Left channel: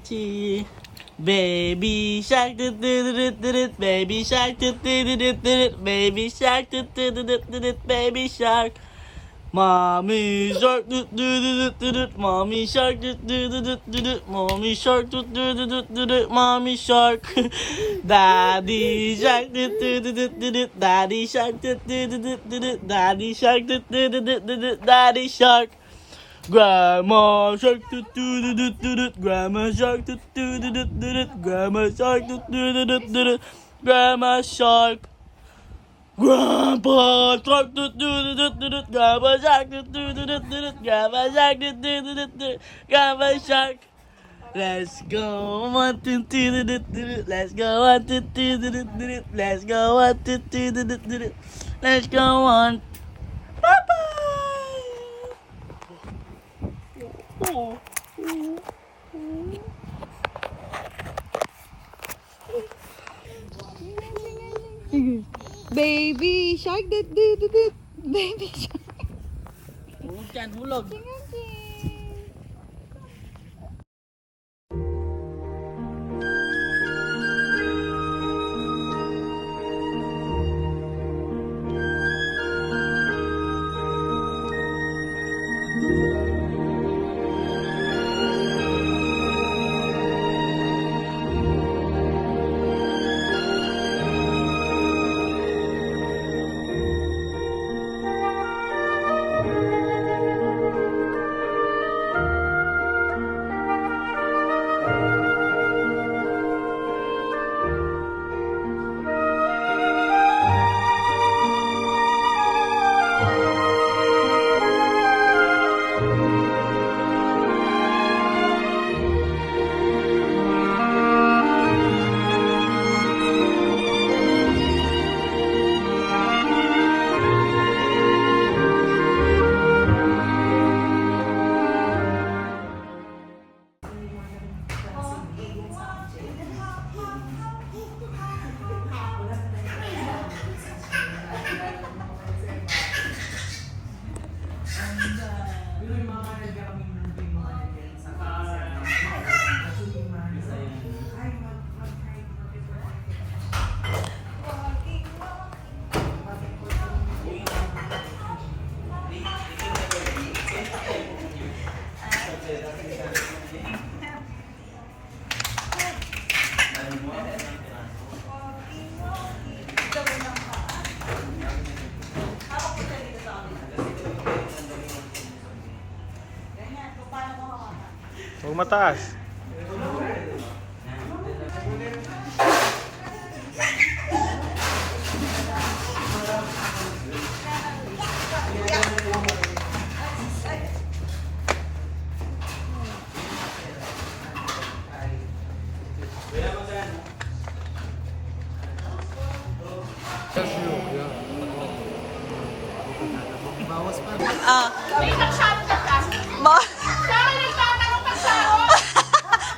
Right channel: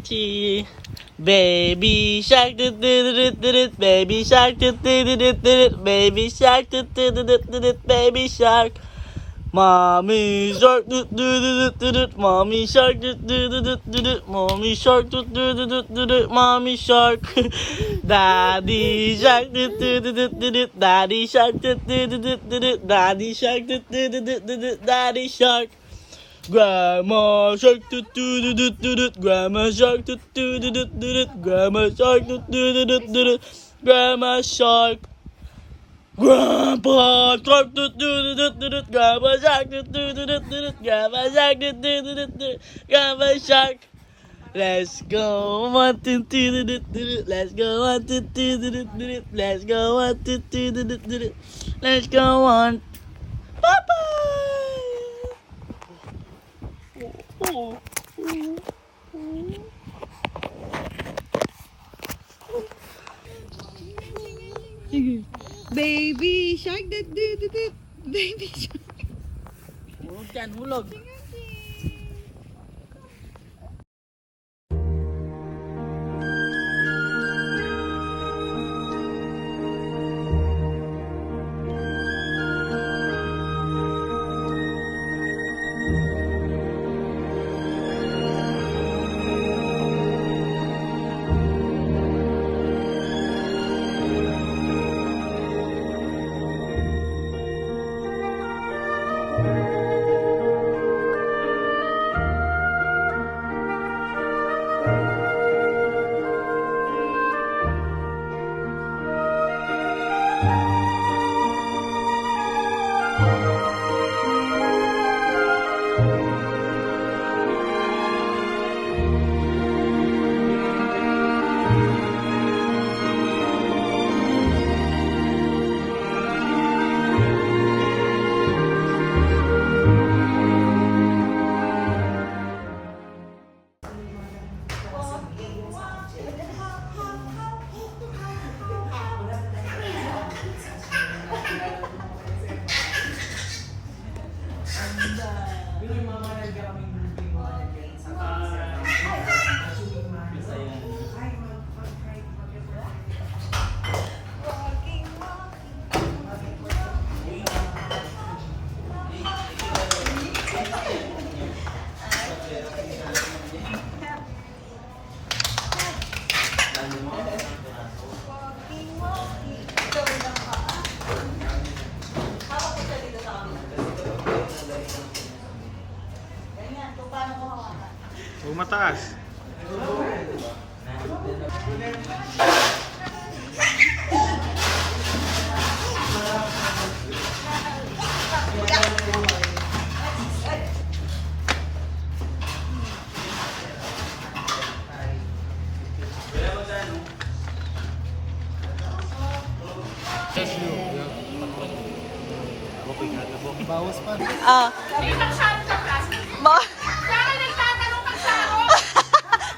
Archie. Baby shark, do do do do do, baby shark, do do do do do, baby shark, do do do do do, baby shark. Mommy shark, do do do do do, mommy shark, do do do do do, mommy shark, do do do do do, mommy shark. Daddy shark, do do do do do, daddy shark, do do do do do, daddy shark, do do do do do, daddy shark. Grandma shark, do do do do do, grandma shark, do do do do do, grandma shark, do do do do do, grandma shark. Grandpa shark, do do do do do, grandma shark, do do do do do, grandma shark, do do do do, grandma shark. Let's go 1 2 3, let's go 1 2 3, let's go 1 2 3, let's go on. Bye bye. Baby shark, baby shark. Hulog dyan, hulog. Huwag mataas.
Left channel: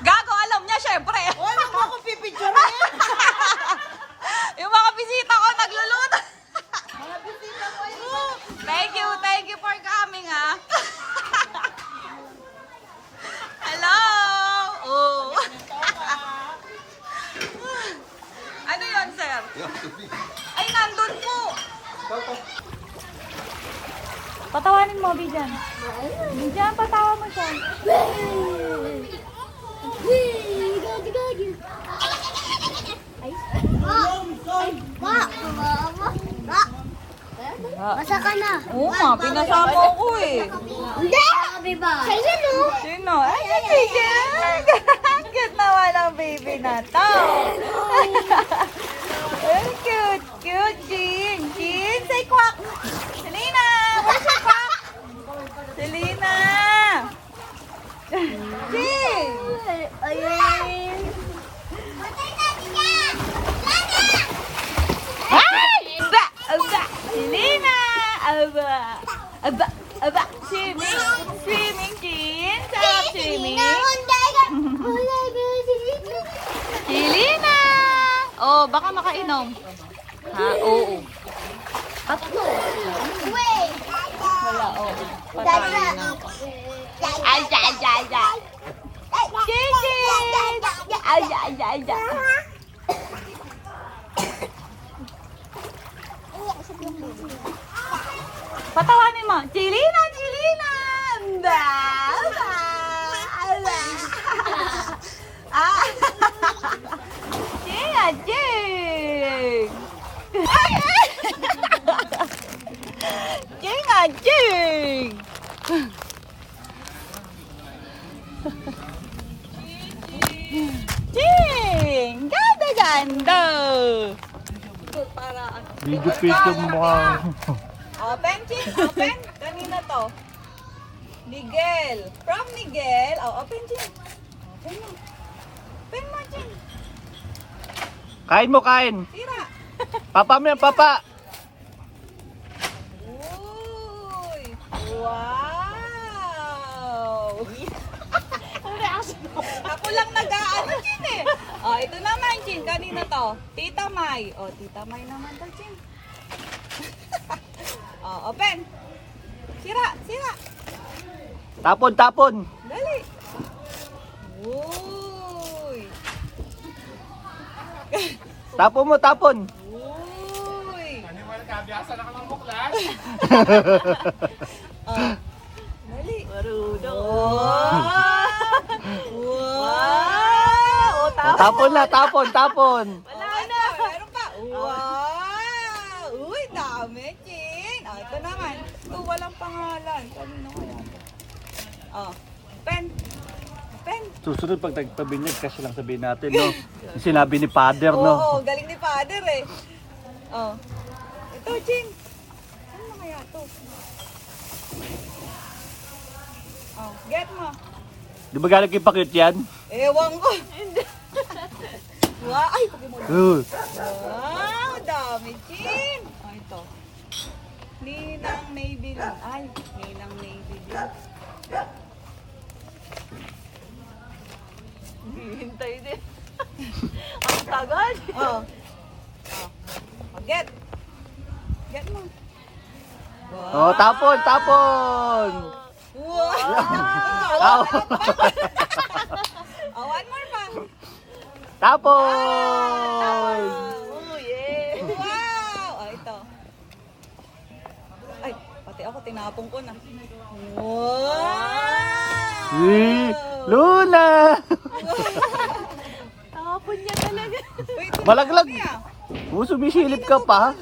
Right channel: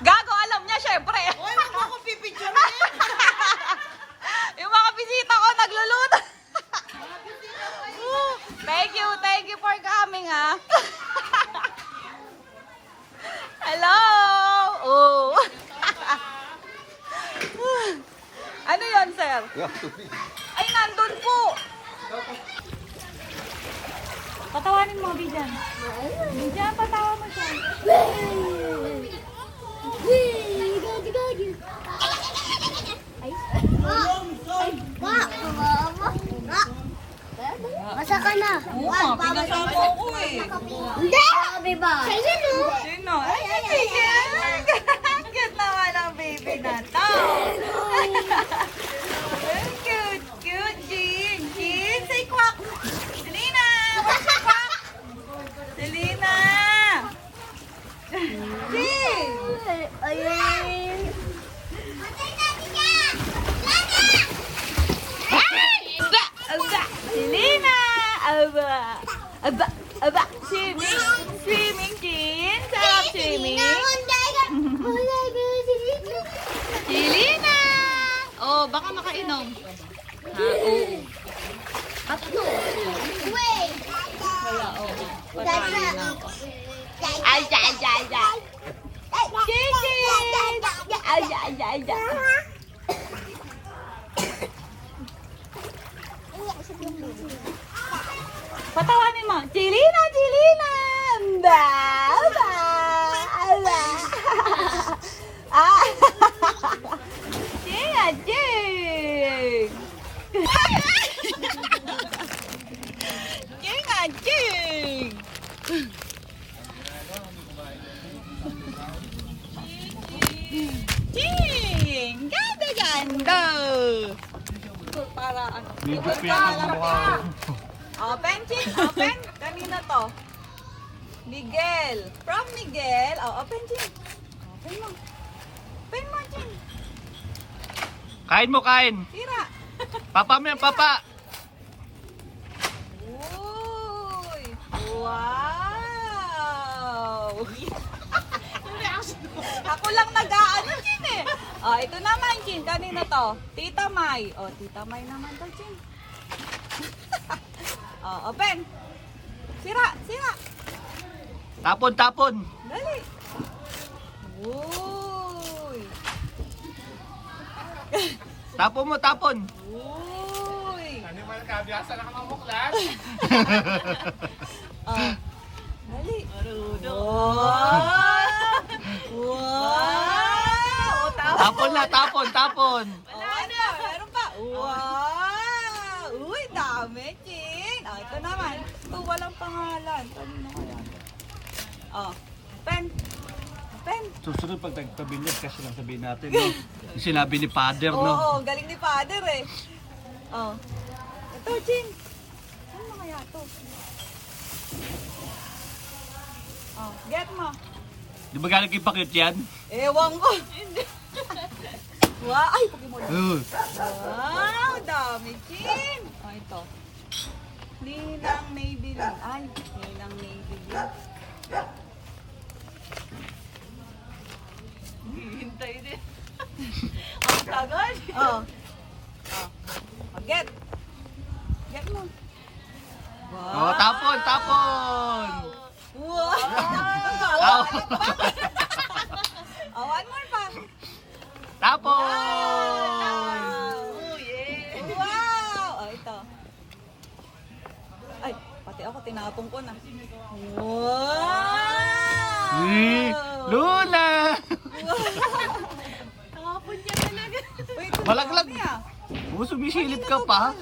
Gago, alam niya syempre. Wala ko akong pipicture Yung mga bisita ko nagluluto. Thank you for coming, ha. Hello. Oh. Ano yon, sir? Ay, nandun po. Patawanin mo, Bijan. Bijan, patawa mo siya. Masa ka na? Oo nga, pinasama ko eh. Hindi! Sabi ba? Sa'yo no? Sino? Ay, Bijan! Cute naman ang baby na to. Cute, cute, Jean. Jean, say quack. Selena! Where's your quack? Selena! Jean! Ayun. Aba! Aba! Selena! Aba! Aba! Aba! Swimming! Swimming, Jean! Sarap swimming! Selena! Oh, baka makainom. Ha, oo. Tatlo. Wait! Wala, oo. Patay na ako. Ay, ay, ay, ay. Gigi! Patawanin mo. Chilina, Chilina. Ba, ba, ba. Ah. Ching, ah, ching. Ching, ah, ching. Ching. Ganda, ganda. Para ano. Video picture mo mukha. Open, Chin. Open. Kanina to. Miguel. From Miguel. Oh, open, Chin. Open mo. Open mo, Chin. Kain mo, kain. Tira. Papa mo yan, papa. Uy. Wow. Ako lang nag-aano, Chin eh. Oh, ito naman, Chin. Kanina to. Tita May. Oh, Tita May naman to, Chin. Oh, open. Sira, sira. Tapon, tapon. Dali. Uy. Tapon mo, tapon. Uy. Oh. Dali. Wow. Wow. Oh, Tapon na, tapon, tapon. Wala na. Meron pa. Wow. Uy, dami, Chin. Oh, ito naman. Ito, walang pangalan. Kanino kaya ito? Oh. Pen. Pen. Susunod pag nagtabi niya, kasi lang sabihin natin, no? Yung sinabi ni Father, no? Oo, galing ni Father eh. Oh. Ito, Chin. Ano kaya to? Oh, get mo. Di ba galing kay Pakit yan? Ewan ko. Wow, ay, Pokemon. Wow, dami, Chin. Oh, ito. Ninang Maybelline. Ay, Ninang Maybelline. Hintay din. Ang tagal. Oh. Get. Get mo. Oh, tapon, tapon. Wow. Ow. Oh, one more pa. Tapon. Oh, yeah. Wow. Oh, ito. Ay, pati ako tinapong ko na. Wow. Luna. Nakapon niya talaga. Wait, Malaglag. dumami ah. Oh, sumisilip ka pa.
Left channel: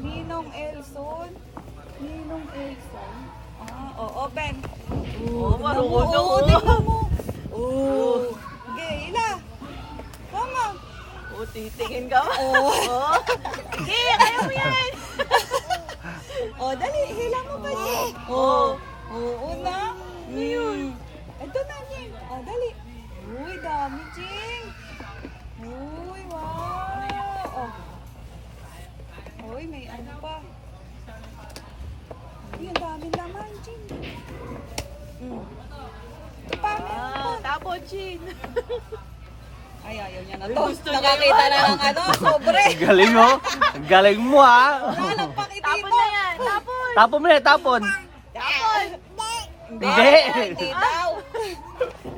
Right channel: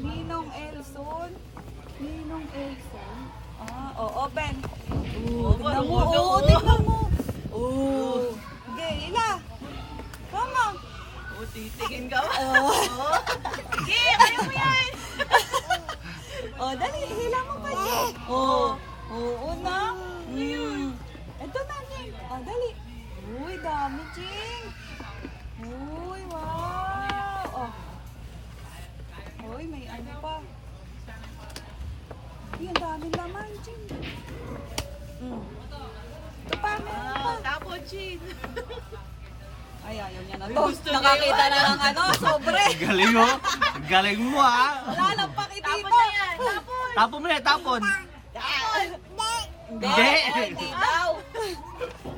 Ninong Elson. Ninong Elson. Ah, oh, open. Oo, marunong Oo, ako. tingnan mo. Oo. Okay, ila. Tama. O, titingin ka ba? Oh. Sige, kaya mo yan. Oh, dali, hila mo pa niya. Oh. Oo na. Ito na, Jing. Oh, dali. Uy, dami, Jing. Uy, wow. Oh. Uy, may ano pa. Uy, ang daming laman, Jing. Ito pa, meron pa. Tapon, Chin. Ay, ayaw niya na to. gusto niya Nakakita yun. na ng ano, sobre. Galing mo. Galing mo, ha. Wala lang pakitito. Tapon na yan. Tapon. Tapon mo na, tapon. Hindi. Hindi. Hindi daw.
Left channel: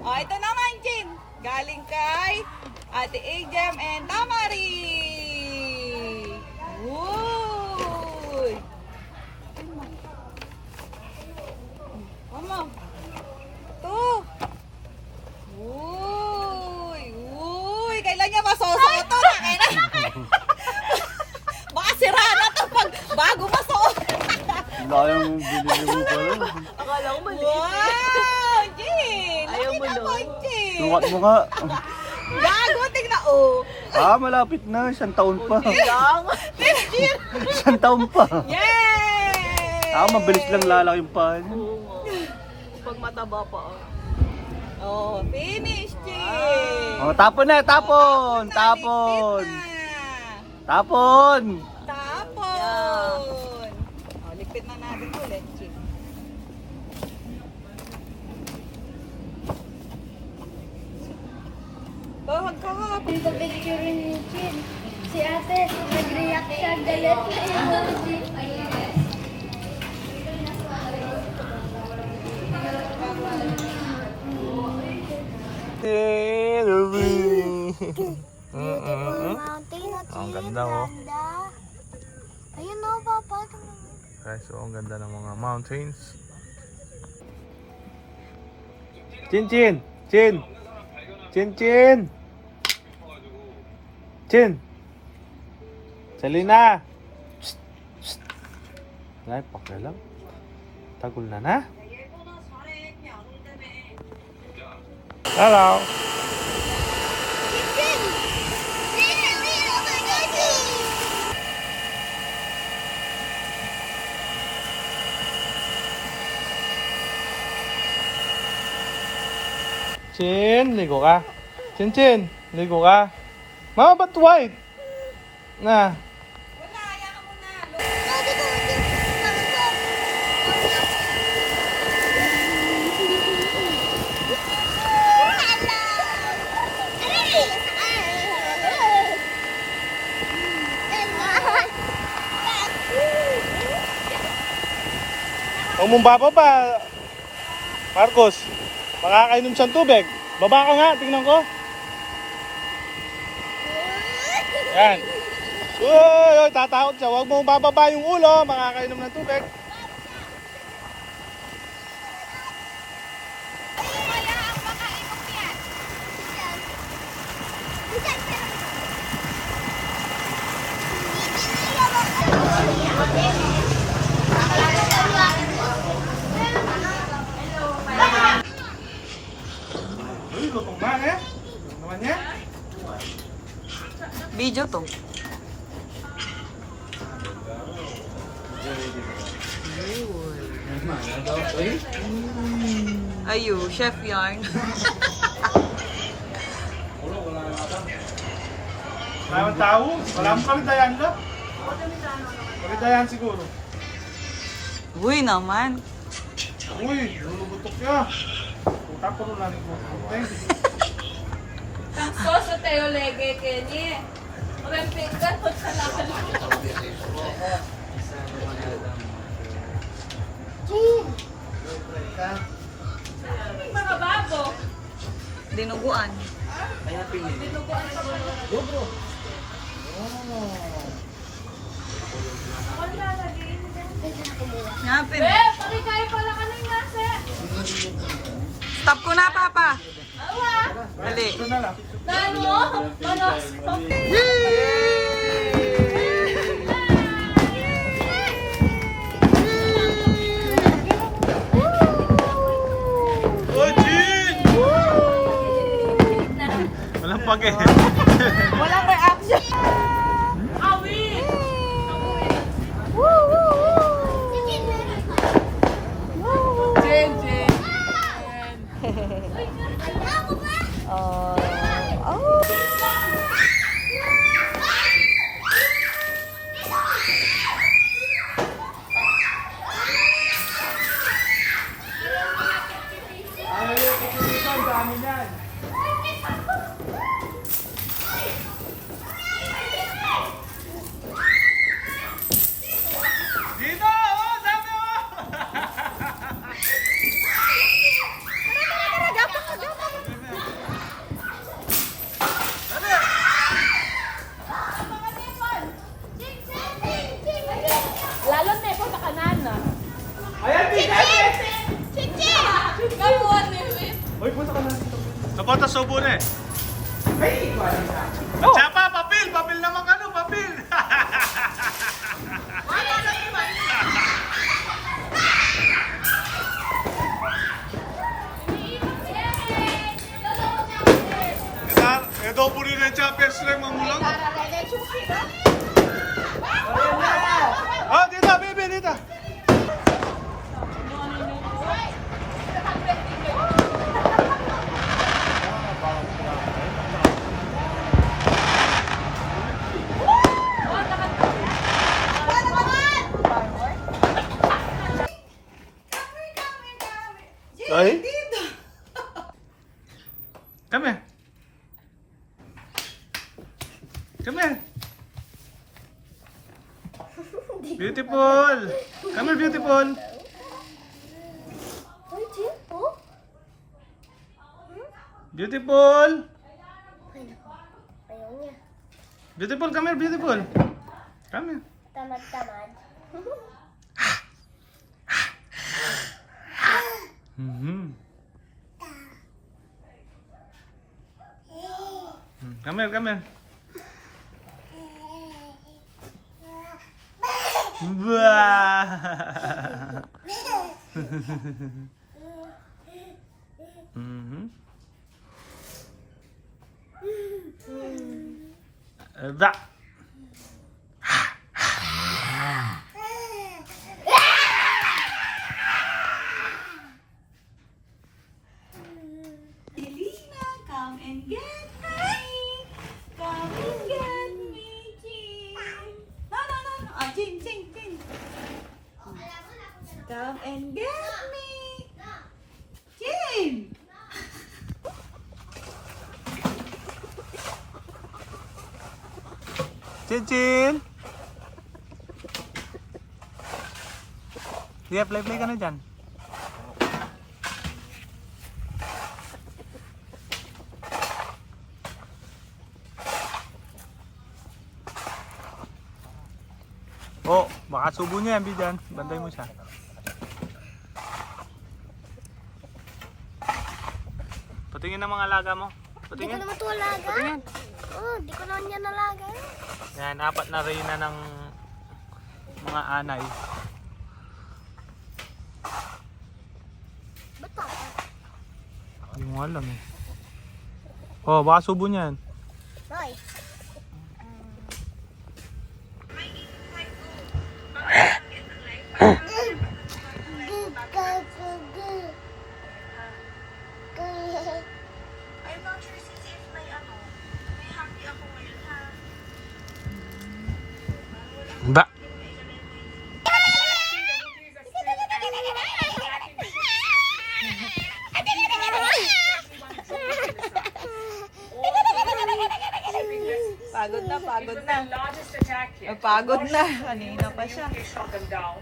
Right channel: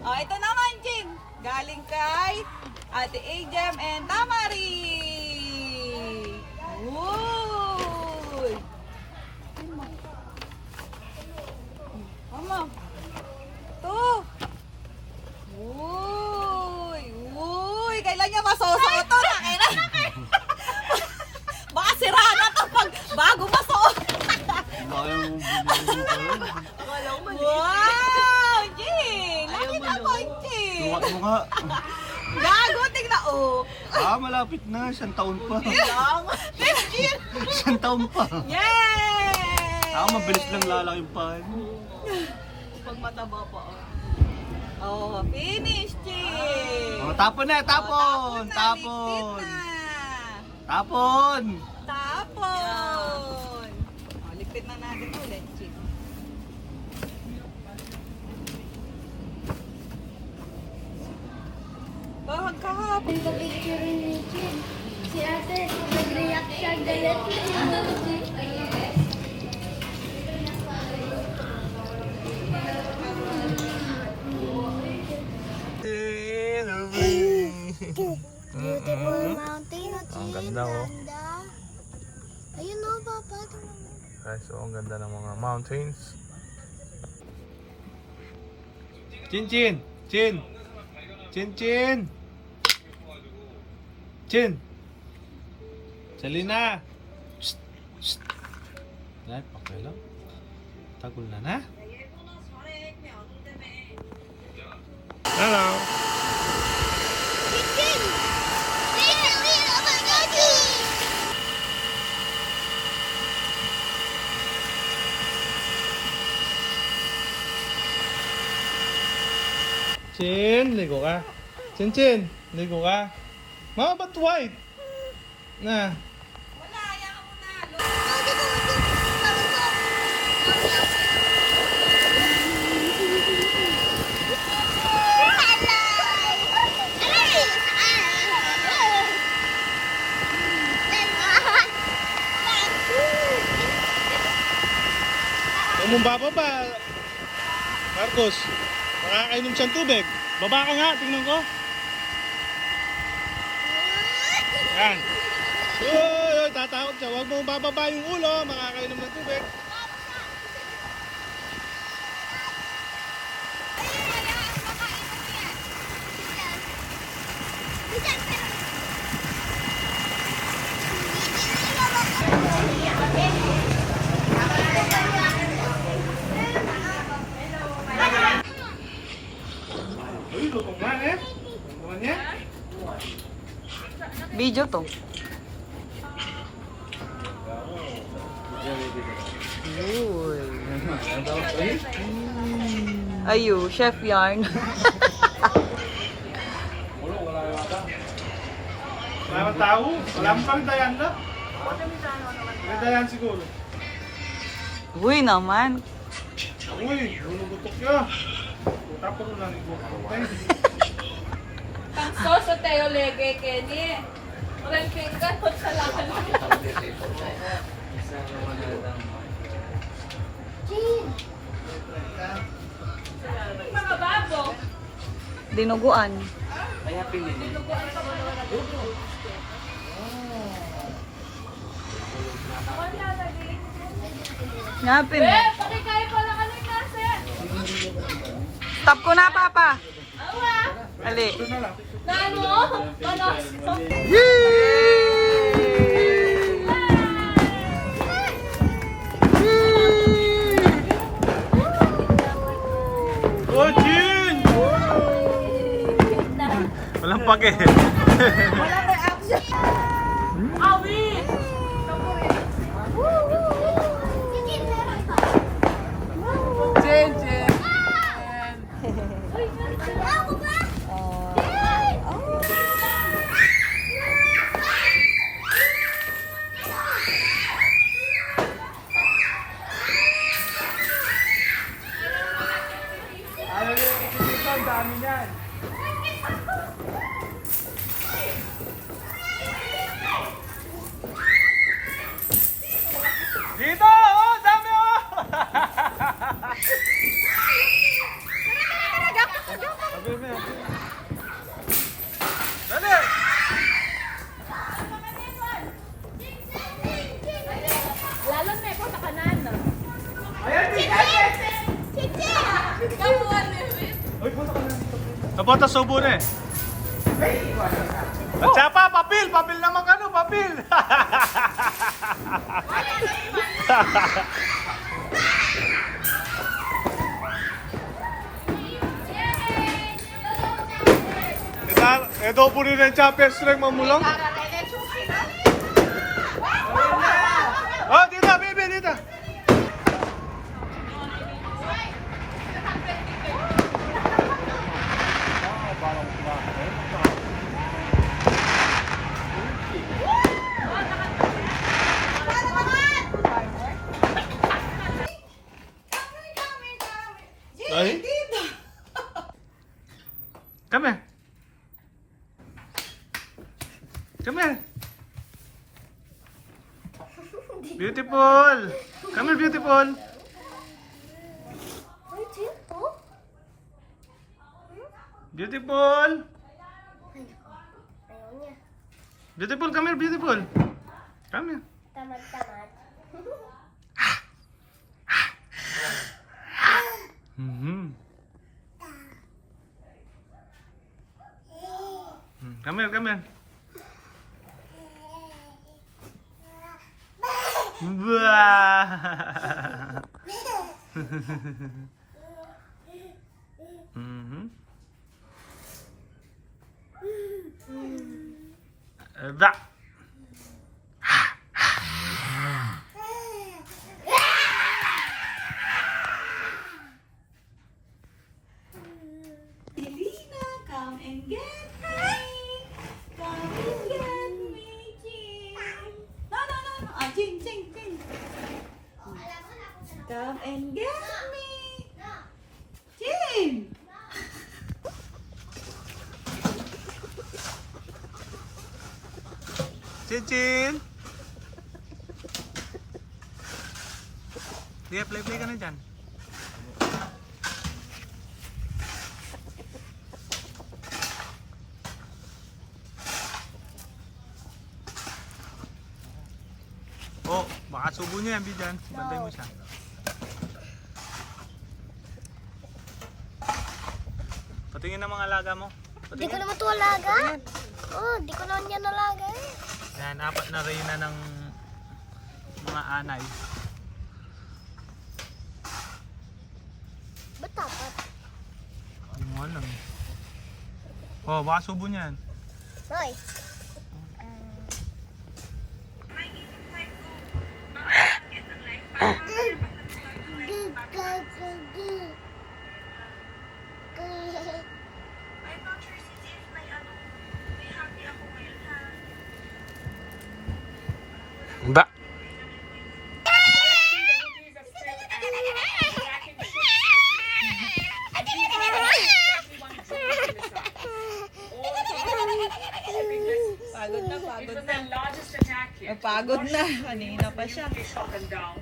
Oh, ito naman, Jin. Galing kay Ate Ajem and Tamari. Uy. Mama. Ito. Uy. Uy. Kailan niya masosoto na? Kailan? Baka sira na to pag bago masuot. Bayang binili ko. Akala ko mali. Wow! Jing! Ayaw Laki mo, na no? mo, Jing! Sukat mo nga. Gago, tingnan, oh! Ah, malapit na. Isang taon pa. Lang. Isang taon pa. Yay! Ah, mabilis lang lalaki yung pahan. Pag mataba pa. Oh, finish, Jing! Oh, tapon na, tapon. Tapon. Tapon. Tapon! Oh, ligpit na natin ulit, Jing. Oh, magkahapon. Yung picture ni Chin. Si ate, nag-react siya. Galit na emoji. Eh, Beautiful mountain. Ang ganda, oh. Ayun o, Papa. Guys, so ang ganda ng mga mountains. Chin, Chin! Chin! Chin, Chin! Chin! Selena! Psst! Psst! Ay, pakialam. Tagol na na. Hello! Chin, ligo ka. Chin, Chin, ligo ka. Mama, ba't white? Na. Huwag mong bababa, Marcos. Makakainom siyang tubig. Baba ka nga, tingnan ko. Yan. Uy, tatakot siya. Huwag mong bababa yung ulo. Makakainom ng tubig. Uy, lutong na eh. Ano naman yan? Video to. Ayo, chef yarn. Maraming tao. Wala mo kami dayan na. Kami dayan siguro. Uy naman. Uy, lulugutok ya. Tapos lang lulugutok. So, sa tayo lege, Kenny. Remping ka, sa lakan. Mga babo. Dinuguan. Ngapin. Pakikain ko lang kami nasa. Stop ko na, Papa. Ali. Naan mo? Panos. Oh, Jin! Walang pake. Walang reaction. Awi! Jen, Jen. Ayaw yung dito, ang dami niyan. Dito! Oh, dami oh! Sabi mo yan. Dali! Lalo na ikaw sa kanan, no? Ayan, tingnan! Kamuan, Mewin. Hoy, punta ka na dito. Sabota subo na eh. Ay, ikaw na. At siya pa, papil! Papil naman ka no, papil! Ito po rin ang champion strength mamulang. Oh, dito, baby, dito. Ay? Come here. Come here. Beautiful. Come here, beautiful. Beautiful. Beautiful, come here, beautiful. Come here. Tamad-tamad. Mhm. Come here, come here. Wah. Mhm. Da. Selena, come and get me. Come and get me, Jing. No. Jing. Come and get me. Jing. Chin. Dia play ka na dyan. Oh, baka subo niya yan, Bijan. Bantay mo siya. Patingin ng mga alaga mo. Di ko Patingin. naman ito alaga. Oh, di ko naman yan alaga. Yan, 4 na reyna ng mga anay. Ba't dapat? Hindi mo alam eh. Oh, baka subo niyan. Hoy. Da. Pagod na. largest attack here. Pagod na. Kanina pa siya. Shot them down.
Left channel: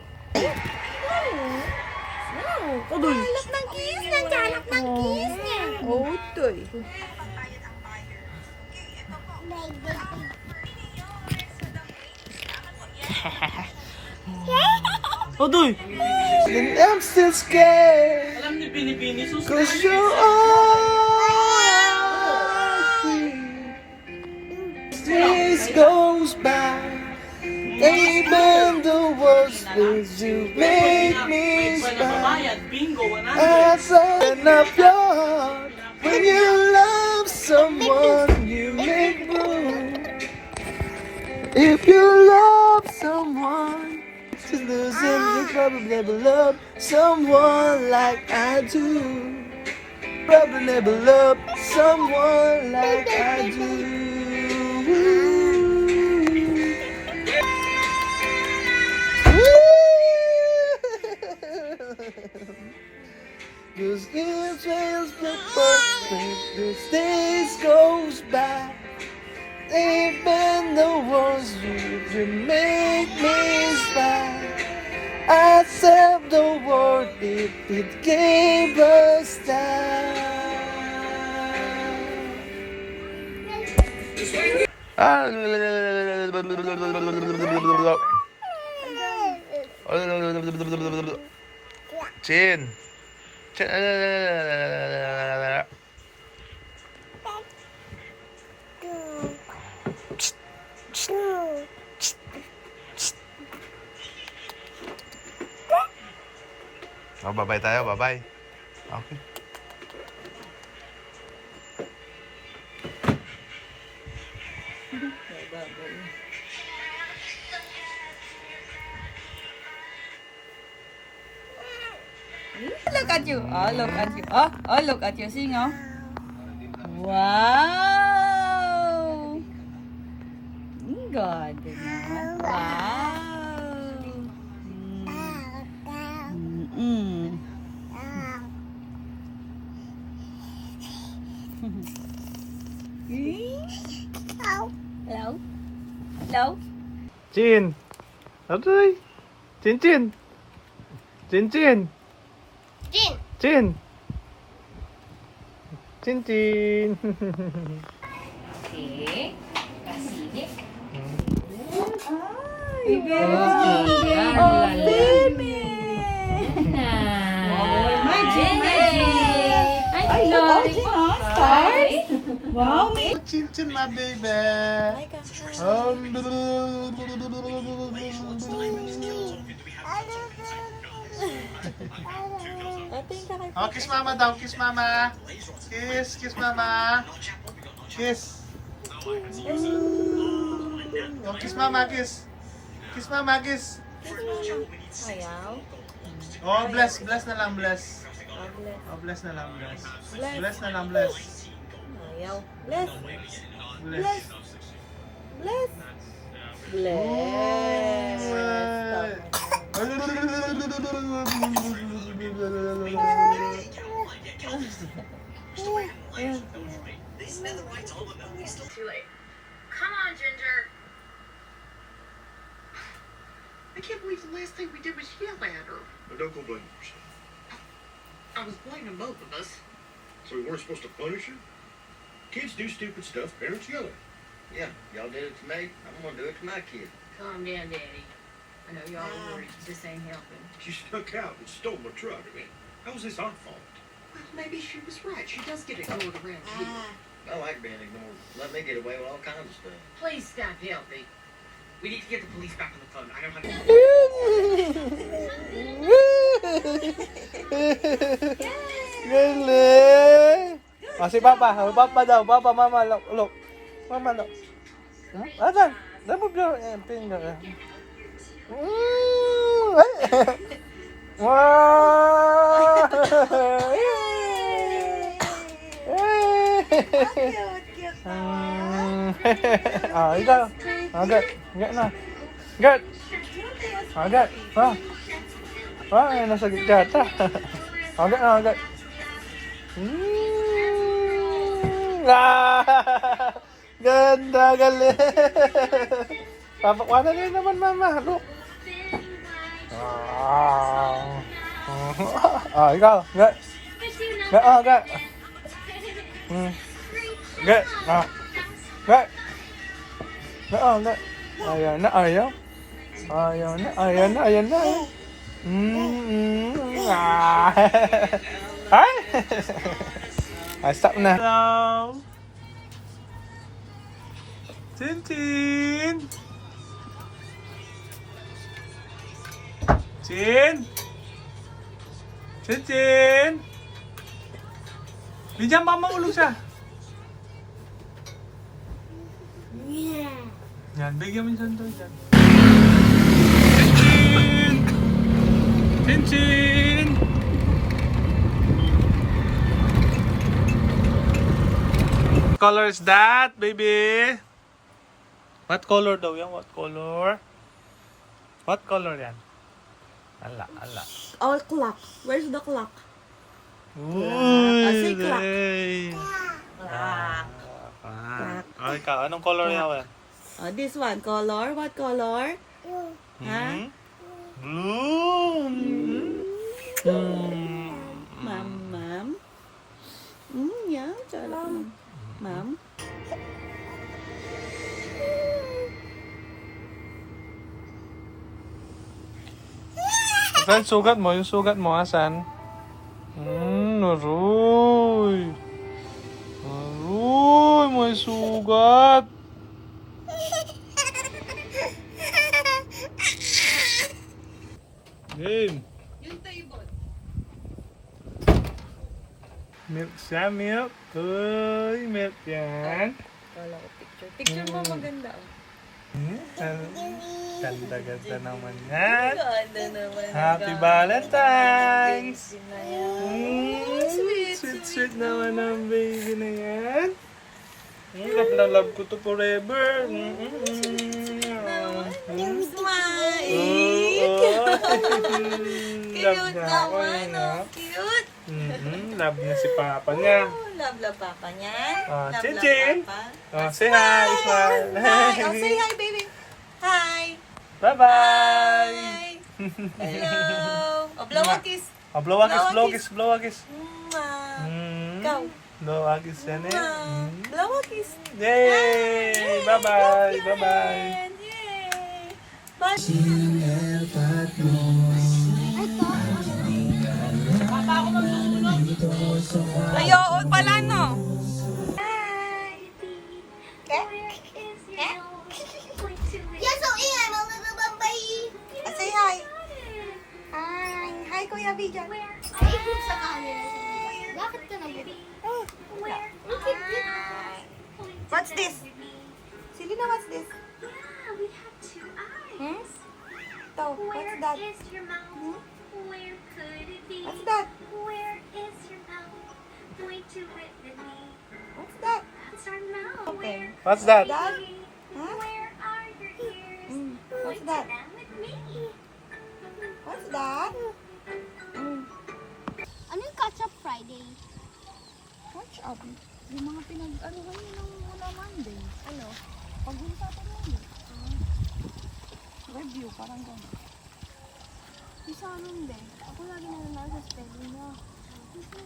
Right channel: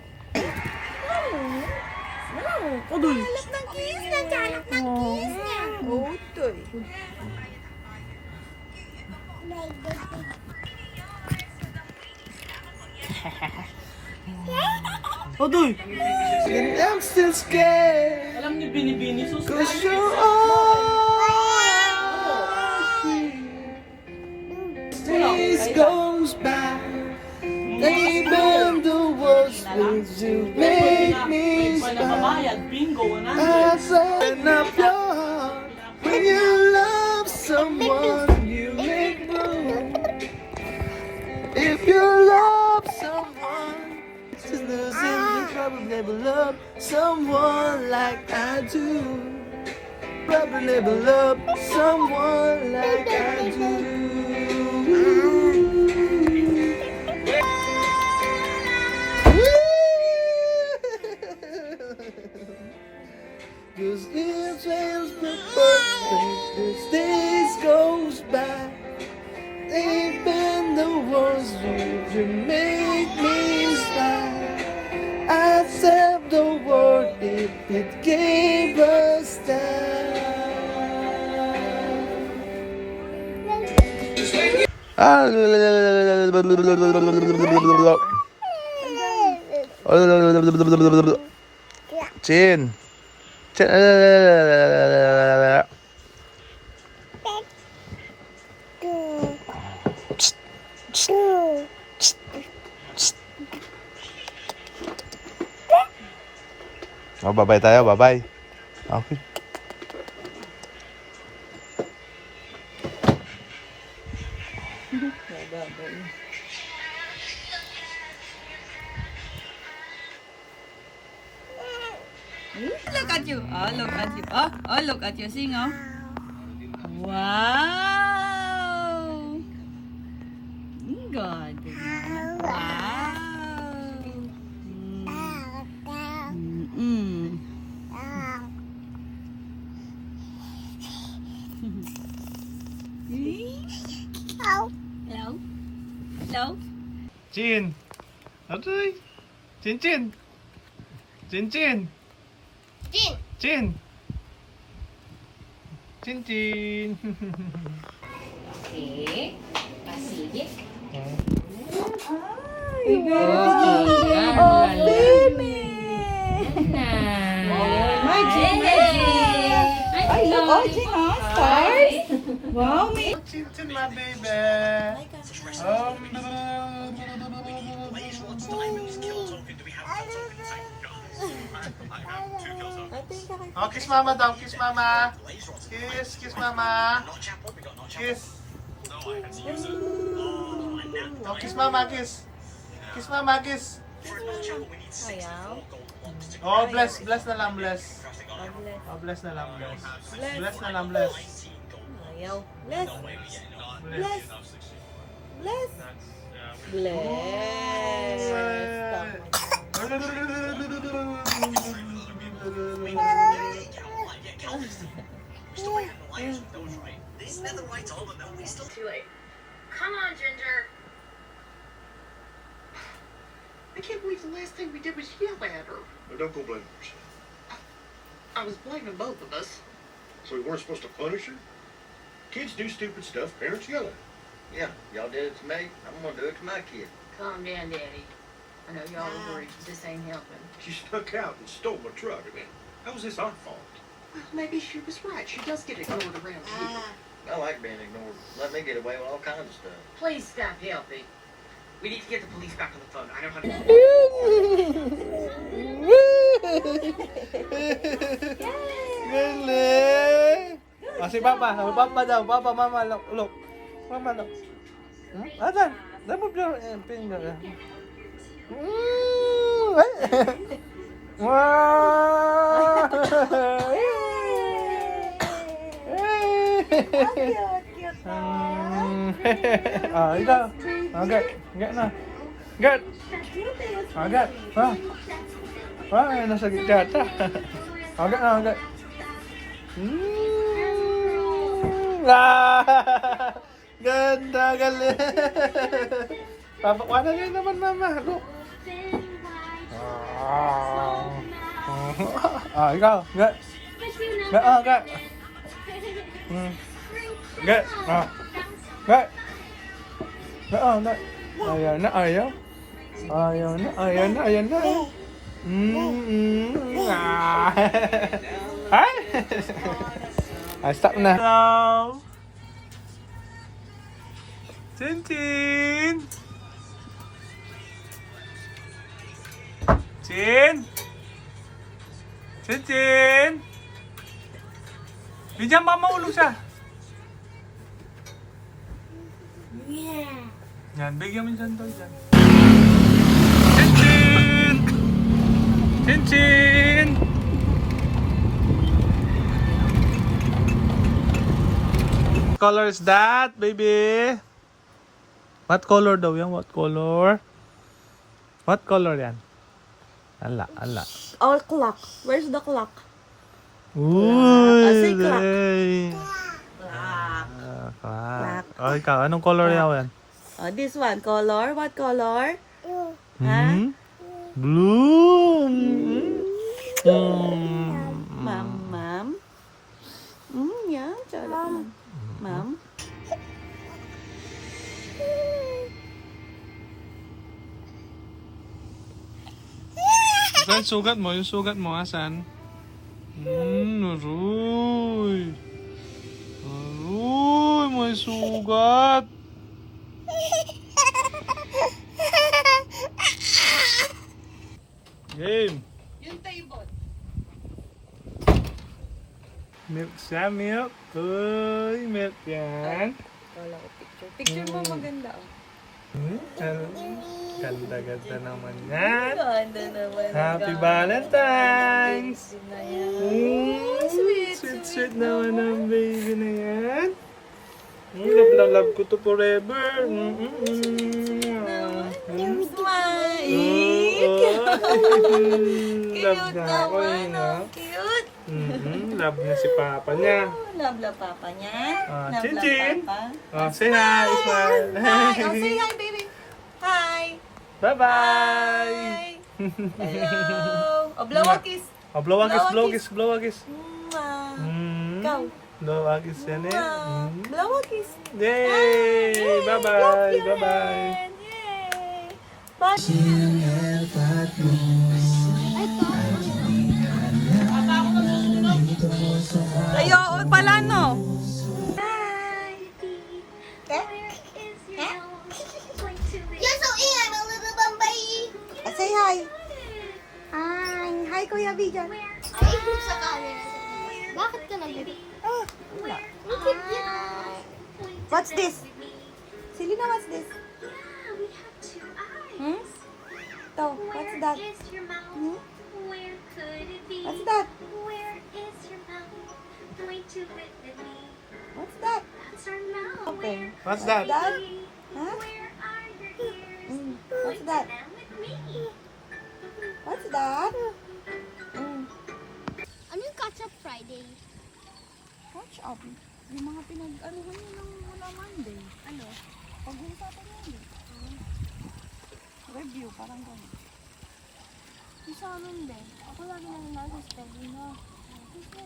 Kudoy. Ng kiss na, hanap ng kiss niya. Utoy. Odoy! And I'm still scared. Alam ni Binibini, Cause you're all days goes by. Even the worst things you make me smile. Nakabayad, bingo, 100. I open up your heart. When you love someone, you make room. If you love someone, just losing, you probably never love someone like I do. Probably never love someone like I do. Cause it feels the perfect, this days goes by. Even the ones you make me smile. I'd save the world if it gave us time. Chin. Oh, bye-bye tayo, bye-bye. Okay. Look at you. Oh, look at you. Oh, look at you. Sing, oh. Wow. God. Wow. Mm. Hello? Hello? Chin. Aray. Chin. Jin. Chin. Okay. Sige. Ay, oh, baby. Magic, magic. Ay, magic, ha? Stars? Wow, may... Chin chin, my baby. Oh, kiss mama daw, kiss mama. Kiss mama. Kiss. Oh, kiss mama, kiss. Kiss mama, kiss. Ayaw. Oh, bless na lang, bless. Oh, bless na lang, bless. Bless na lang, bless. Ayaw. Bless. Bless. Bless. Bless. Too late. Come on, Ginger. I can't believe the last thing we did was yell at her. Now, don't go blaming yourself. I was blaming both of us. So we weren't supposed to punish her? Kids do stupid stuff, parents yell at them. Yeah, y'all did it to me. I'm gonna do it to my kid. Calm down, Daddy. I know y'all are worried. This ain't helping. She snuck out and stole my truck. How was this our fault? Well, maybe she was right. She does get ignored around here. I like being ignored. Let me get away with all kinds of stuff. Please stop helping. We need to get the police back on the phone. I know how to... Galing! Oh, si Papa. Oh, Papa daw. Papa, Mama. Look. Mama, look. Asan? Remove your finger. Wow! Ikaw. Agad. Agad na. Agad. Agad. Ha? Ay, nasa gigat. Agad na, agad. Ganda, galing. Papakwana ngayon naman, Mama. Look. Ikaw. Agad. Agad, agad. Agad. Agad. Agad. Ayan na, ayaw. Ayaw na, ayan na, ayan na. Ay! Ay, stop na. Hello! Tintin! Tin! Tintin! Bigyan mama ulog siya. Yan, bigyan mo yung sandoy dyan. Tintin! Tintin! What color is that, baby? What color daw yan? What color? What color yan? Ala, ala. Oh, clock. Where's the clock? Ooh, Say clock. Clock. Clock. Oh, ikaw, anong color yan? Oh, this one. Color. What color? Huh? Blue. Ma'am. Yeah. Charot. Ma'am. Asan sugat mo? Yung sugat mo, asan? Aroy. Aroy, may sugat. Game. Yung table. Milk siya, milk. Uy, milk yan. Wala ko picture. Picture mo maganda. Oh. Ganda-ganda naman yan. Ganda naman. Happy Valentine's! Sweet. Sweet naman ang baby na yan. Love na love ko to forever. Smile. Love niya ako yun, ha? Cute. Love niya si Papa niya. Love papa niya. Love Chin-chin. papa. Say hi, smile. Oh, say hi, baby. Hi. Bye-bye. Hello. Oh, blow a kiss. Oh, blow a kiss, blow a kiss, blow a kiss. Ikaw. Blow a kiss yan eh. Blow a kiss. Yay! Bye-bye! Bye-bye! Yay! Ay, oo pala, no? You're so I'm a little baby. Say hi. Hi, Kuya Bigan. Ay, sa camera. Bakit ka nag- Oh, Look at this. what's this? Selena, what's this? We have two eyes. Oh, Where what's that? is your mouth? Where could it be? What's that? Where is your mouth? Point to it with me. What's that? That's our mouth. Where What's that? could That? it be? Huh? Where are your ears? What's Point to that? them with me. What's that? Ano yung Catch-up Friday? Catch up. Yung mga pinag-anuhan nyo ng mula Monday. Ano? Paghunta pa Monday. Review, parang gano'n. Yung sa amin, be. Ako lagi nananalo sa spelling mo. Hindi ka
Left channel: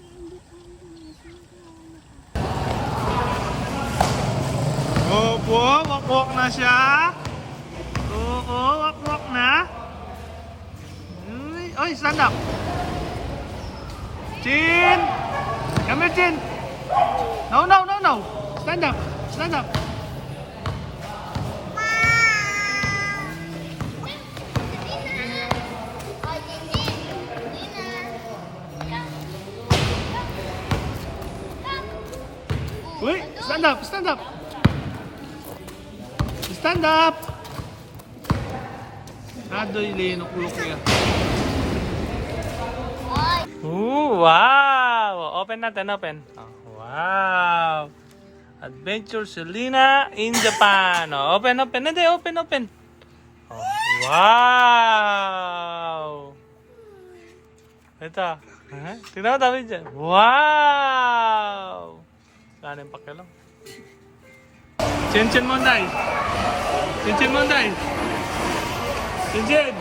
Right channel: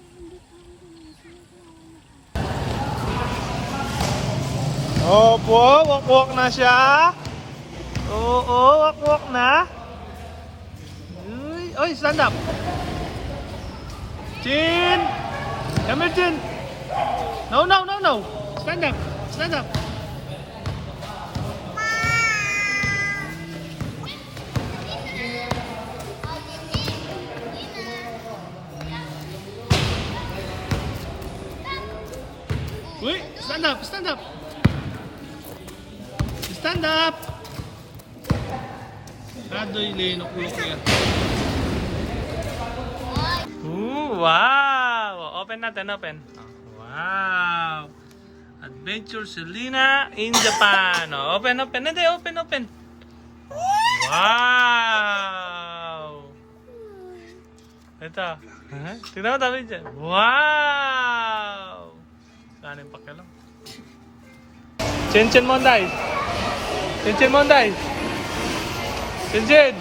Opo, wakwak na siya. Oo, wakwak na. Uy, oy, stand up. Chin! Come here, Chin. No, no, no, no. Stand up. Stand up. Uy, stand up, stand up. Stand up. Adoy, linok-lok yan. Ooh, wow! Open natin, open. Oh, wow! Adventure Selena in Japan. Oh, open, open. Hindi, open, open. Oh, wow! Ito. Huh? Tignan mo tabi dyan. Wow! Saan yung pakialam? Chin-chin Monday. Chin-chin Monday. Chin-chin.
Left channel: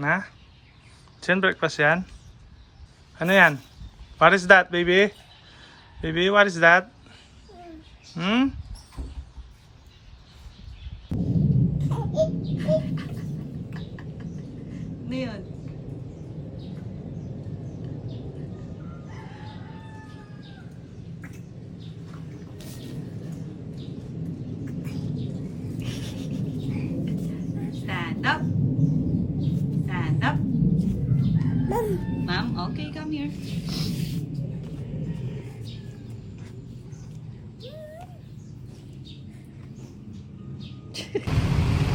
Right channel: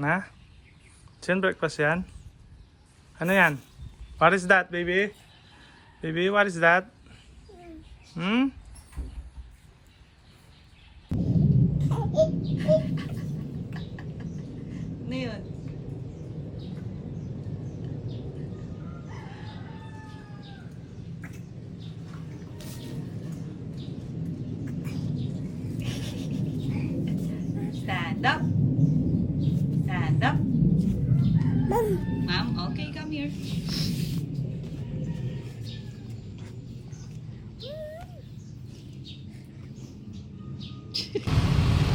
Na? Chin breakfast yan? Ano yan? What is that, baby? Baby, what is that? Hmm? Ano yun? Stand up. Stand up. Ma'am, okay, come here.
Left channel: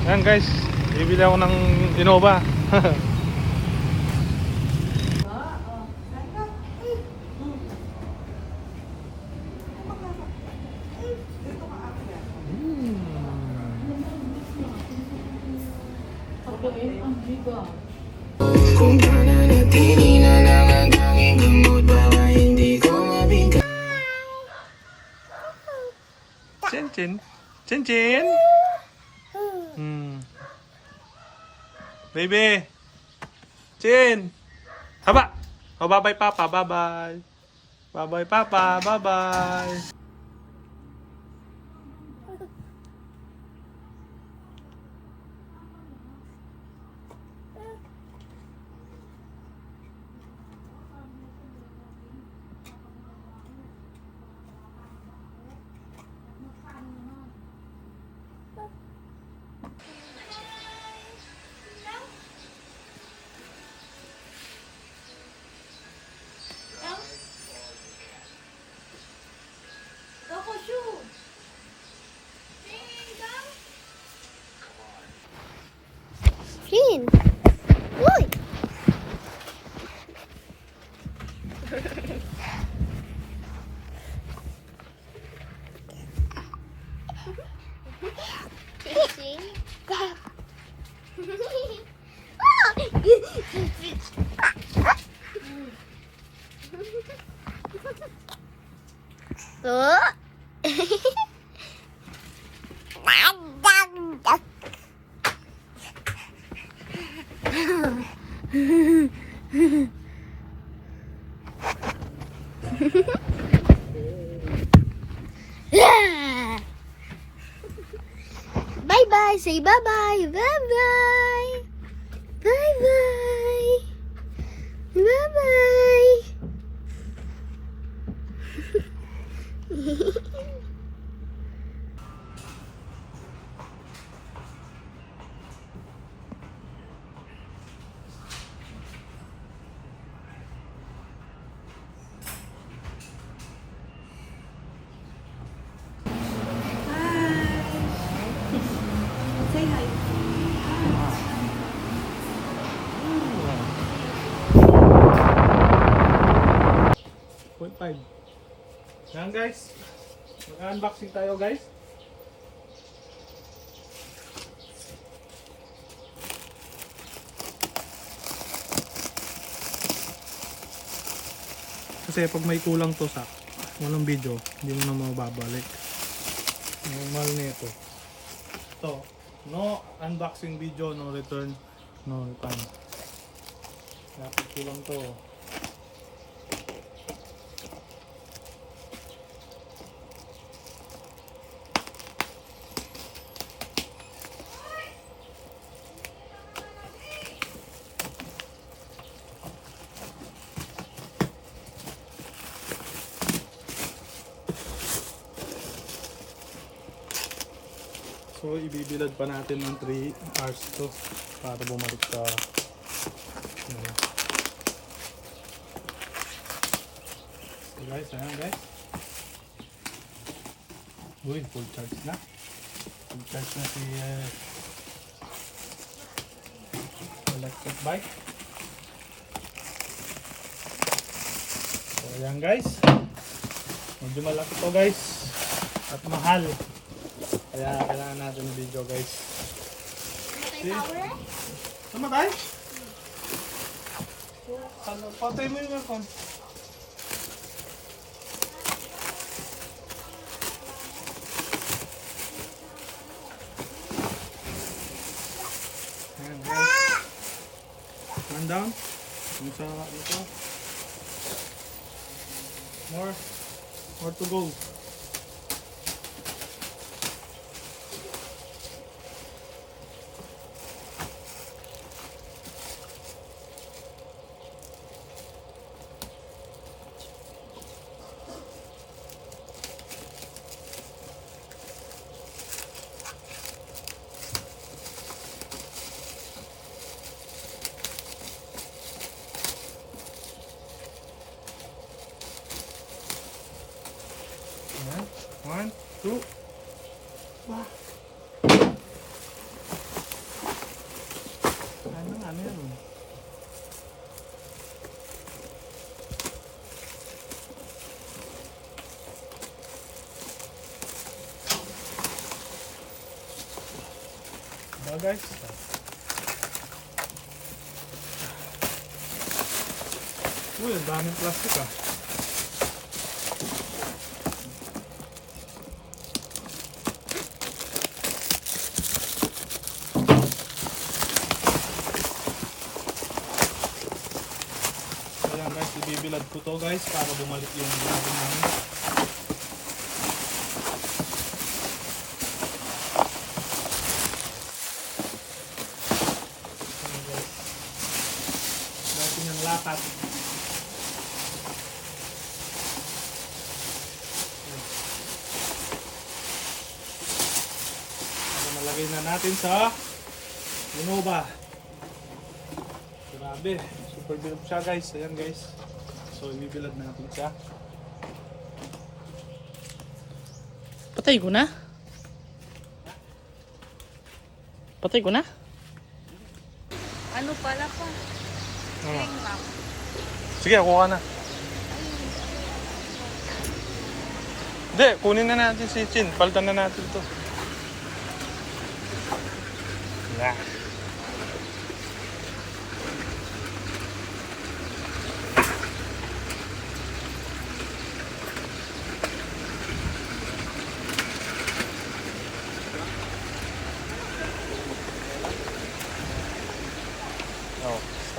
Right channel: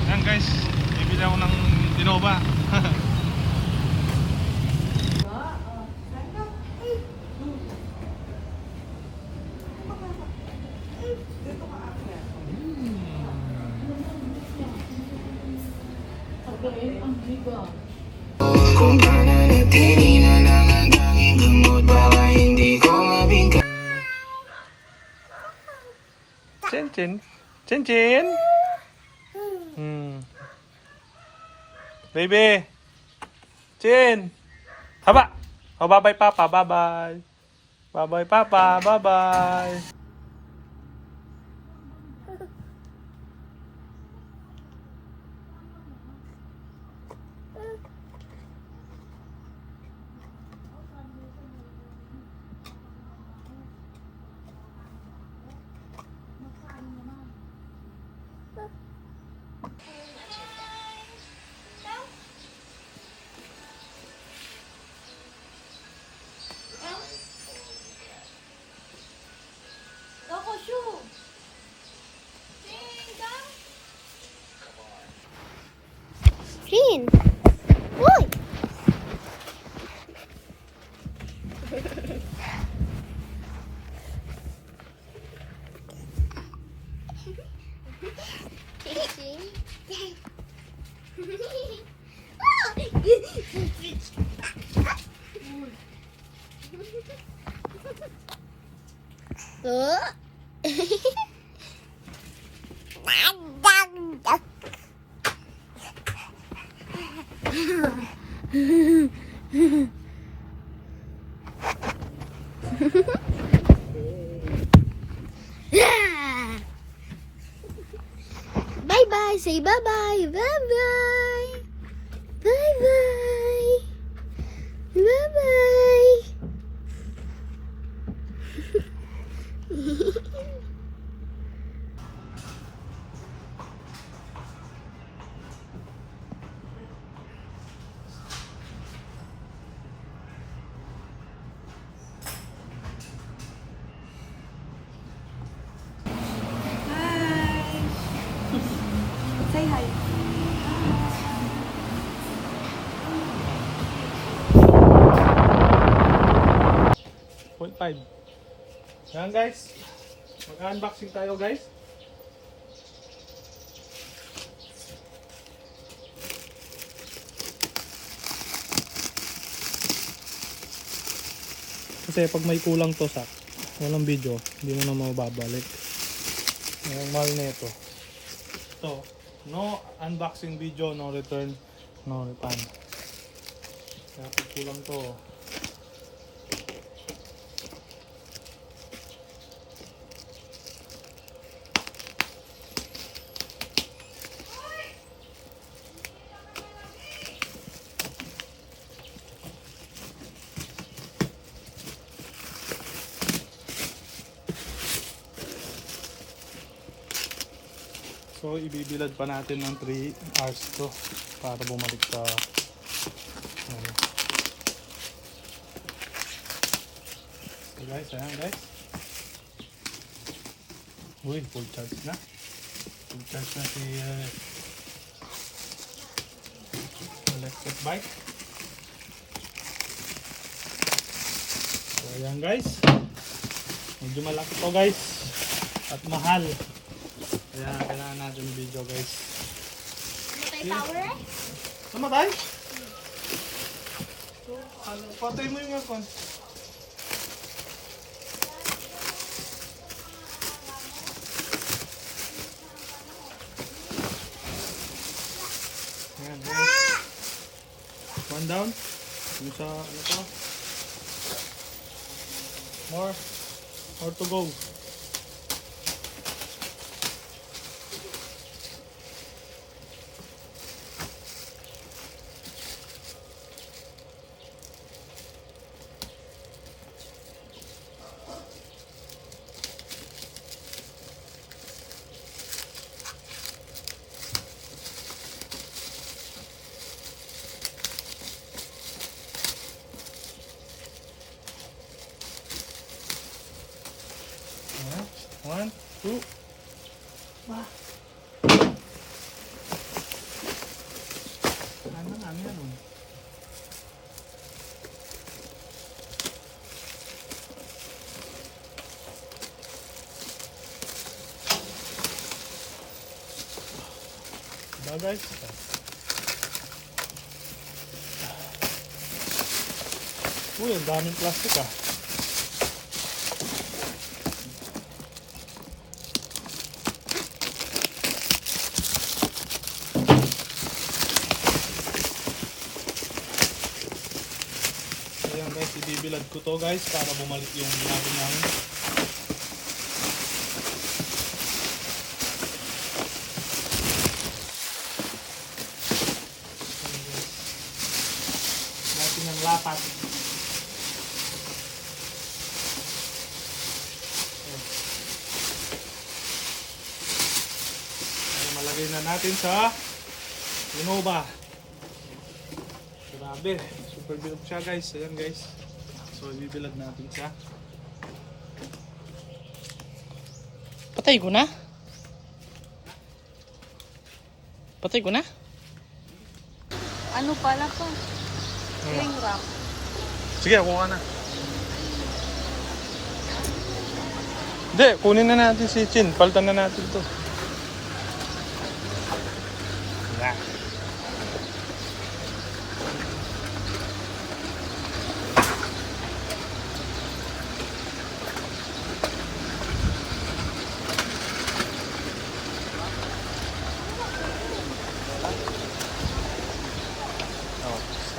Ayan guys, bibili ako ng Innova. Kung pananatili na lang ang tanging gamot para hindi ko mabigla. Chin Chin. Chin Chin. Hmm. Baby. Chin. Haba. Oh, bye-bye Papa. Bye-bye. Bye-bye Papa. Bye-bye. Clean. Uy! Bye bye. Say bye bye. Bye bye. Bye bye. Bye bye. Say hi. 0.5. Yan guys. Mag-unboxing tayo guys. Kasi pag may kulang to sa walang video, hindi mo na mababalik. Normal na ito. Ito, no unboxing video, no return, no return. Kaya pag kulang to, so ibibilad pa natin ng 3 hours to para bumalik sa so guys, ayan guys. Uy, full charge na. Full charge na si electric bike. So ayan guys. Medyo malaki to guys. At mahal. Kaya kailangan natin yung video guys. Namatay? Ano, patay mo yung aircon. Ayan guys. One down. Yung sa ito. More to go. One, two. Wah. Ano yan? Diba guys? Uy, ang daming plastic ah. Ayan guys, ibibilad ko to guys para bumalik yung bago namin. Natin ang lapat. Malagay na natin sa Innova. Grabe, super bilog siya guys. Ayan guys. So ibibilad natin siya. Patay ko na? Patay ko na? Ano pala to? Ring-rock. Sige, kuha na. Hindi, kunin na natin si Chin. Palitan na natin to. Yeah.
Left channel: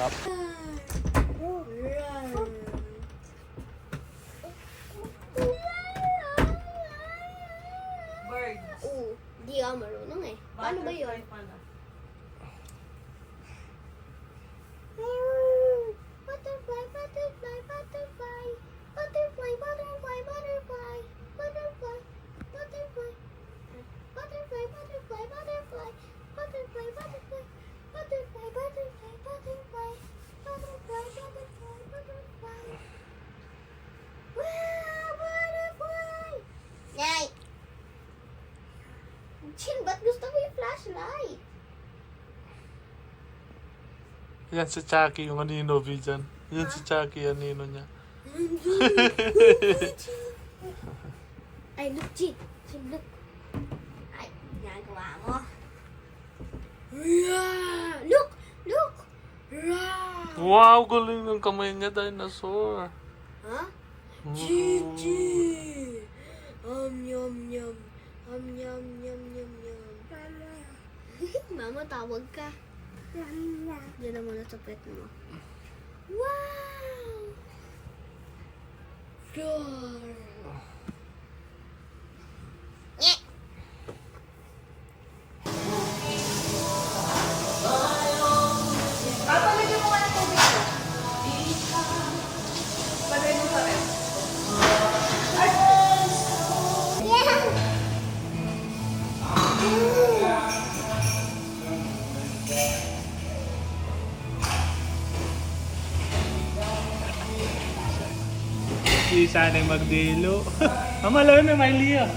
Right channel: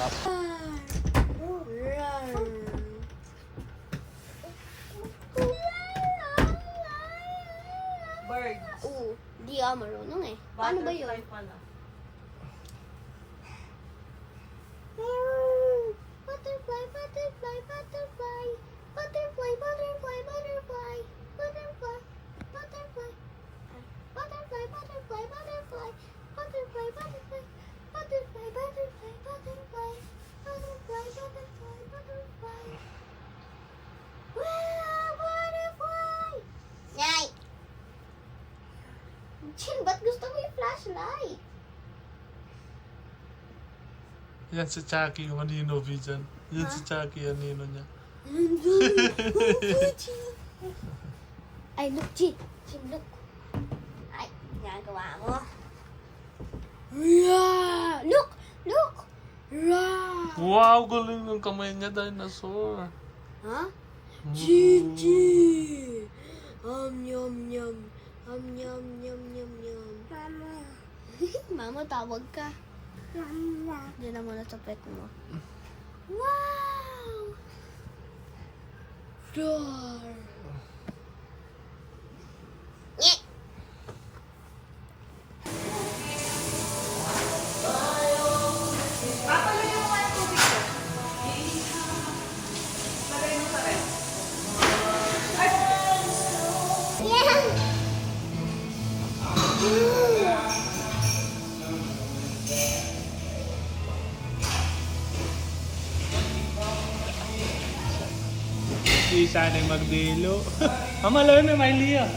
sarap. Birds. Oo, di ako marunong eh. Paano ba yun? Butterfly, butterfly, butterfly. Butterfly, butterfly, butterfly. Butterfly, butterfly. Butterfly, butterfly, butterfly. Butterfly, butterfly. Butterfly, butterfly, butterfly. Butterfly, butterfly, butterfly. Wow, butterfly! Yay! Chin, ba't gusto mo yung flashlight? Yan si Chucky, yung anino, Vijan. Yan si Chucky, anino niya. Ay, look, Chin. Chin, look. Ay, ginagawa mo. Yeah! Look! Look! Yeah! Wow, galing ng kamay niya, dinosaur. Huh? Chin, Chin! Yum, yum. Yum, yum, yum, yum, yum. Mama. Mama, tawag ka. Mama. Diyan na muna sa pet mo. Wow! Door. Yeah. Papalagyan mo nga ng tubig. Lagay mo sa rin. Yeah! Si sanay magdilo. Amalo na, Miley ah.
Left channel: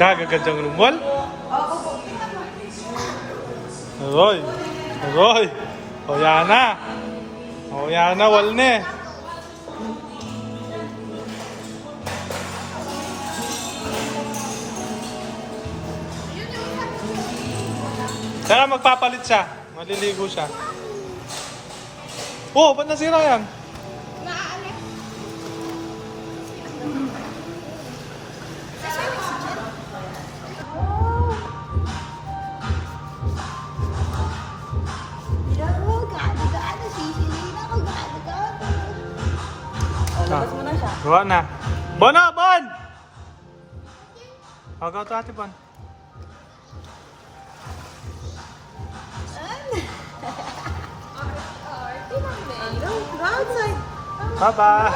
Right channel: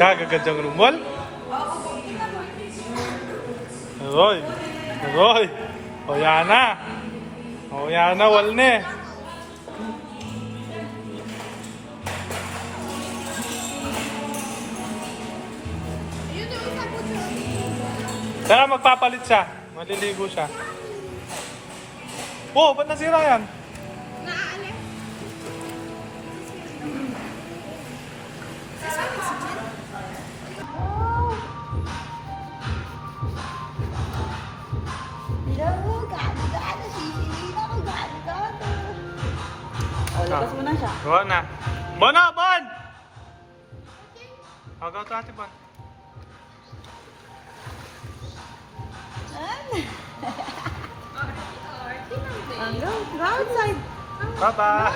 Kagagandang lumol. Aroy. Aroy. O yan na. O yan na, walne. Saka magpapalit siya. Maliligo siya. Oh, ba't nasira yan? Gawa na. Bon na, Bon! Agaw to ate, Bon. Outside. Bye-bye!